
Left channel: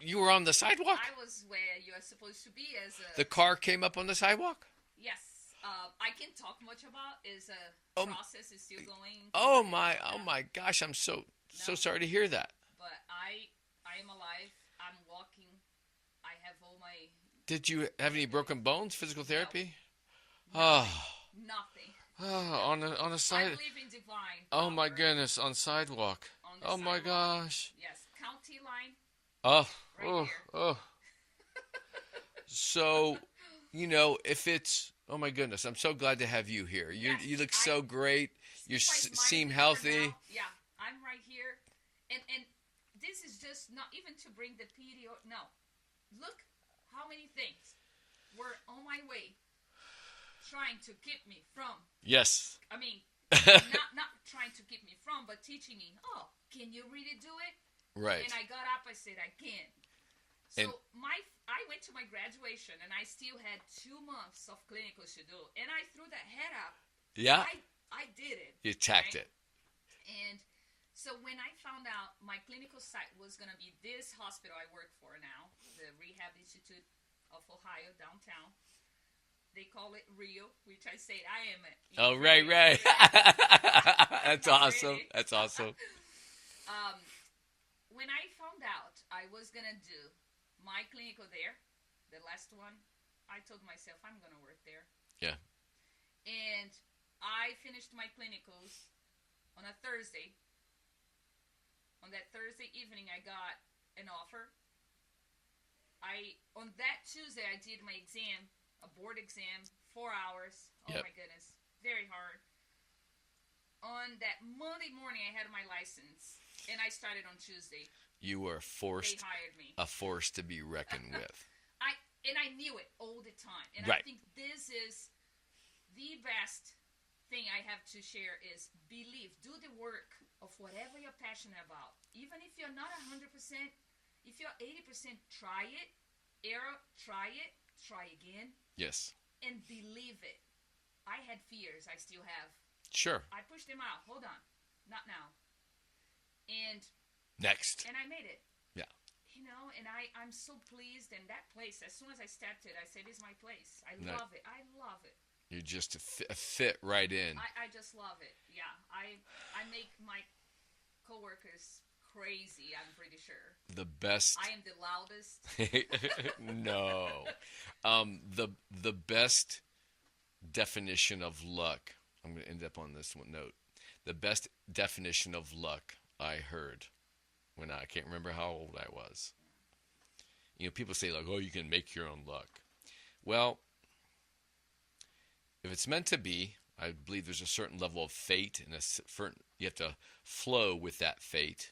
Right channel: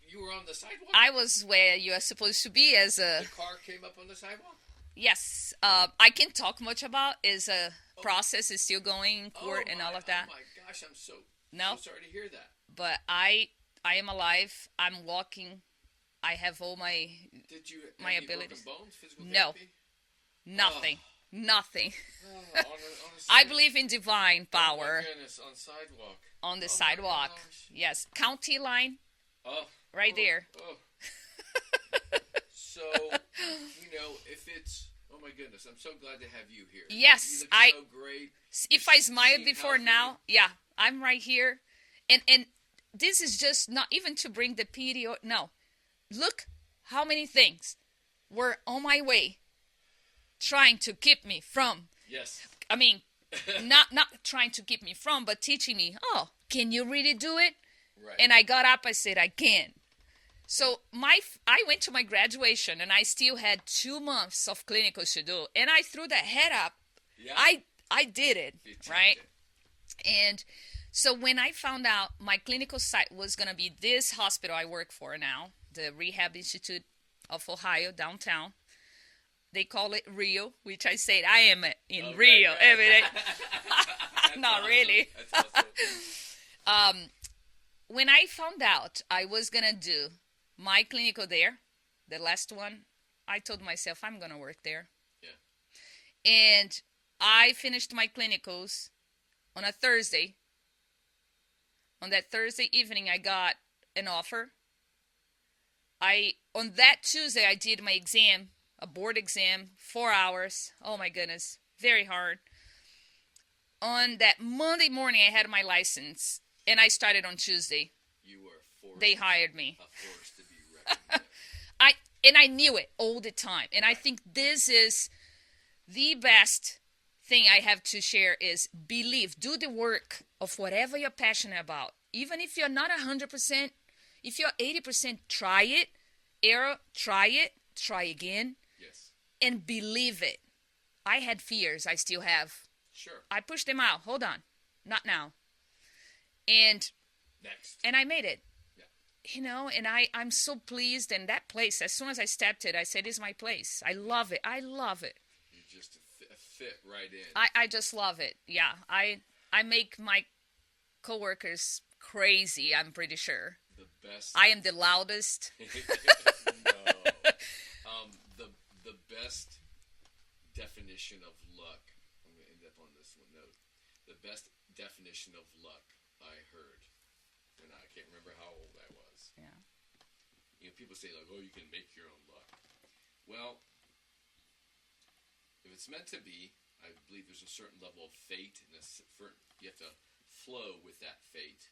You were on the sidewalk? I was where you are supposed to be as a... The car came up on the sidewalk? Yes. I can't talk much about is a process is still going. Oh my gosh! I'm so sorry to hear that. But I am alive. I'm walking. I have all my. Did you have any broken bones? Physical No. therapy? Nothing. Nothing. On a sidewalk. I believe in divine power. Oh my goodness! On sidewalk. On the sidewalk. My gosh. Yes, county line. Oh. Right there. Oh. So, if it's... Oh, my goodness. I'm so glad to have you here. Yes. You look so great. If I smiled before healthy. now, yeah, I'm right here. And this is just not even to bring the pity. No. Look how many things were on my way trying to keep me from. Yes. I mean, not trying to keep me from, but teaching me, can you really do it? Right. And I got up, I said, I can. So I went to my graduation, and I still had 2 months of clinicals to do. And I threw that head up. Yeah? I did it. You tapped it. And so when I found out my clinical site was going to be this hospital I work for now, the Rehab Institute of Ohio, downtown. They call it Rio, which I said I am in Rio. Right. Every day. That's Not awesome. really. That's awesome. When I found out I was going to do my clinical there, the last one, I told myself I'm going to work there. Yeah. And I finished my clinicals on a Thursday. On that Thursday evening, I got an offer. On that Tuesday, I did my exam, a board exam, 4 hours. Oh, my goodness. Very hard. On that Monday morning, I had my license, and I started on Tuesday. You were forced. They hired me. A force to be reckoned with. I knew it all the time. And right. I think this is the best thing I have to share is believe. Do the work of whatever you're passionate about. Even if you're not 100%, if you're 80%, try it. Error, try it. Try again. Yes. And believe it. I had fears. I still have. Sure. I pushed them out. Hold on. Not now. And... Next. And I made it. Yeah. And I'm so pleased. And that place, as soon as I stepped it, I said, it's my place. I love it. I love it. You just fit right in. I just love it. Yeah. I make my coworkers crazy, I'm pretty sure. The best. I am the loudest. No. The best definition of luck, I'm going to end up on this one note. The best definition of luck I heard when I can't remember how old I was. Yeah. People say like, you can make your own luck. Well, if it's meant to be, I believe there's a certain level of fate, and you have to flow with that fate.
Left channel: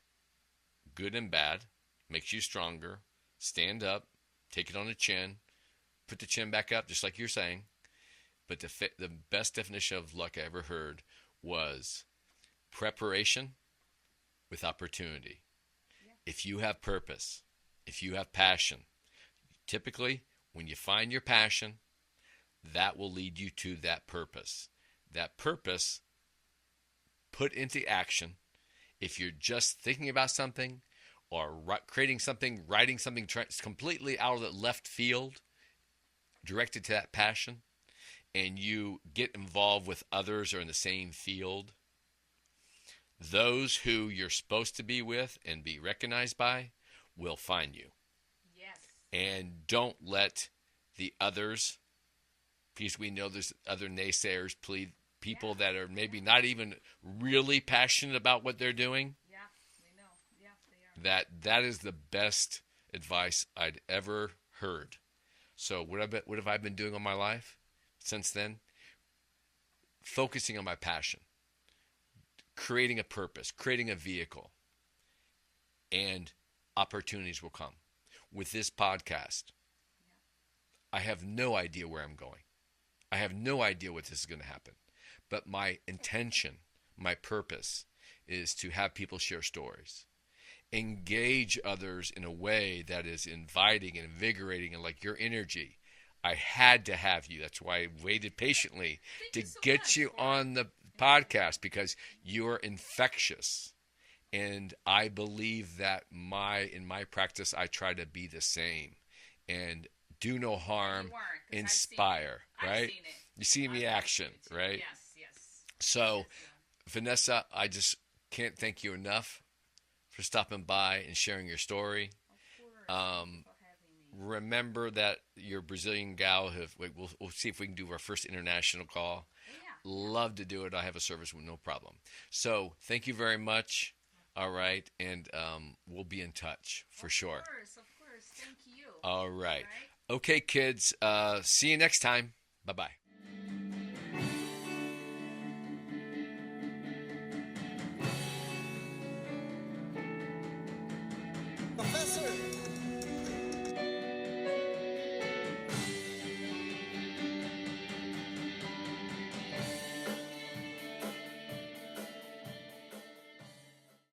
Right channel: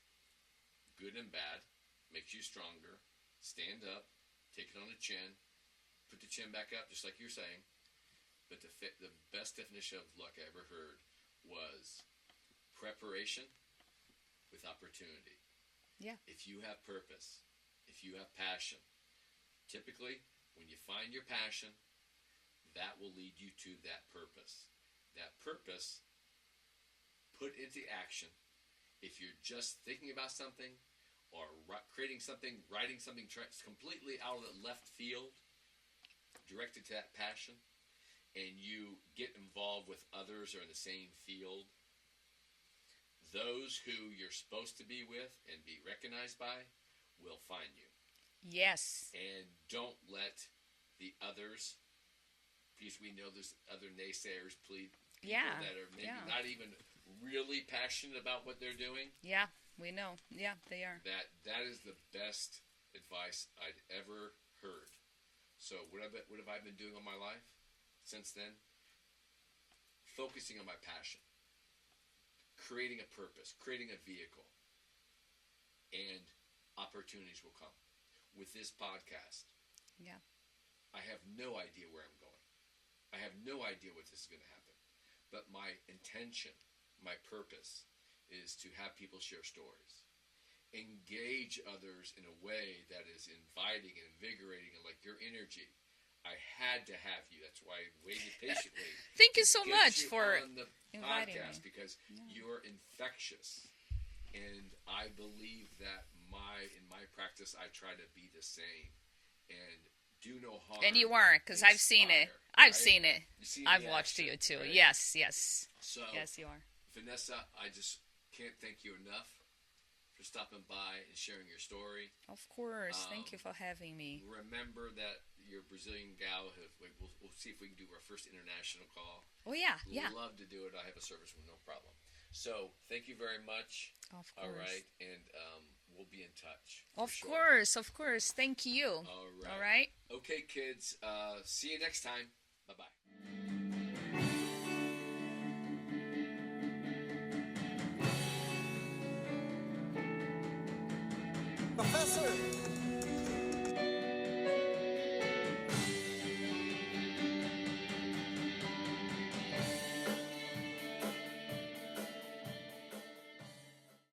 Good and bad, makes you stronger. Stand up, take it on the chin, put the chin back up, just like you're saying. But the best definition of luck I ever heard was preparation with opportunity. Yeah. If you have purpose, if you have passion, typically when you find your passion, that will lead you to that purpose. That purpose put into action, if you're just thinking about something or creating something, writing something completely out of the left field, directed to that passion, and you get involved with others who are in the same field, those who you're supposed to be with and be recognized by will find you. Yes. And don't let the others, because we know there's other naysayers, people Yeah. that are maybe Yeah. not even really passionate about what they're doing, Yeah. We know. Yeah, they are. that is the best advice I'd ever heard. So what have I been doing all my life since then? Focusing on my passion, creating a purpose, creating a vehicle, and opportunities will come. With this podcast, Yeah. I have no idea where I'm going. I have no idea what this is going to happen. But my intention, my purpose is to have people share stories, engage others in a way that is inviting and invigorating and like your energy. I had to have you. That's why I waited patiently Thank to you so get much you for on the inviting podcast me. because Yeah. you're infectious. And I believe that in my practice I try to be the same and do no harm. And you weren't, because I've seen it. inspire, I've right? seen it. You see I've the watched action, you too. right? Yes, yes. So, Yes, you are. Vanessa, I just can't thank you enough for stopping by and sharing your story. Of course. Thank you for having me. Remember that your Brazilian gal we'll see if we can do our first international call. Oh, yeah. Yeah. Love to do it. I have a service with no problem. So, thank you very much. Of All course. right, and we'll be in touch for Of sure. course, of course. Thank you. All right. All right. Okay, kids. See you next time. Bye-bye. Professor,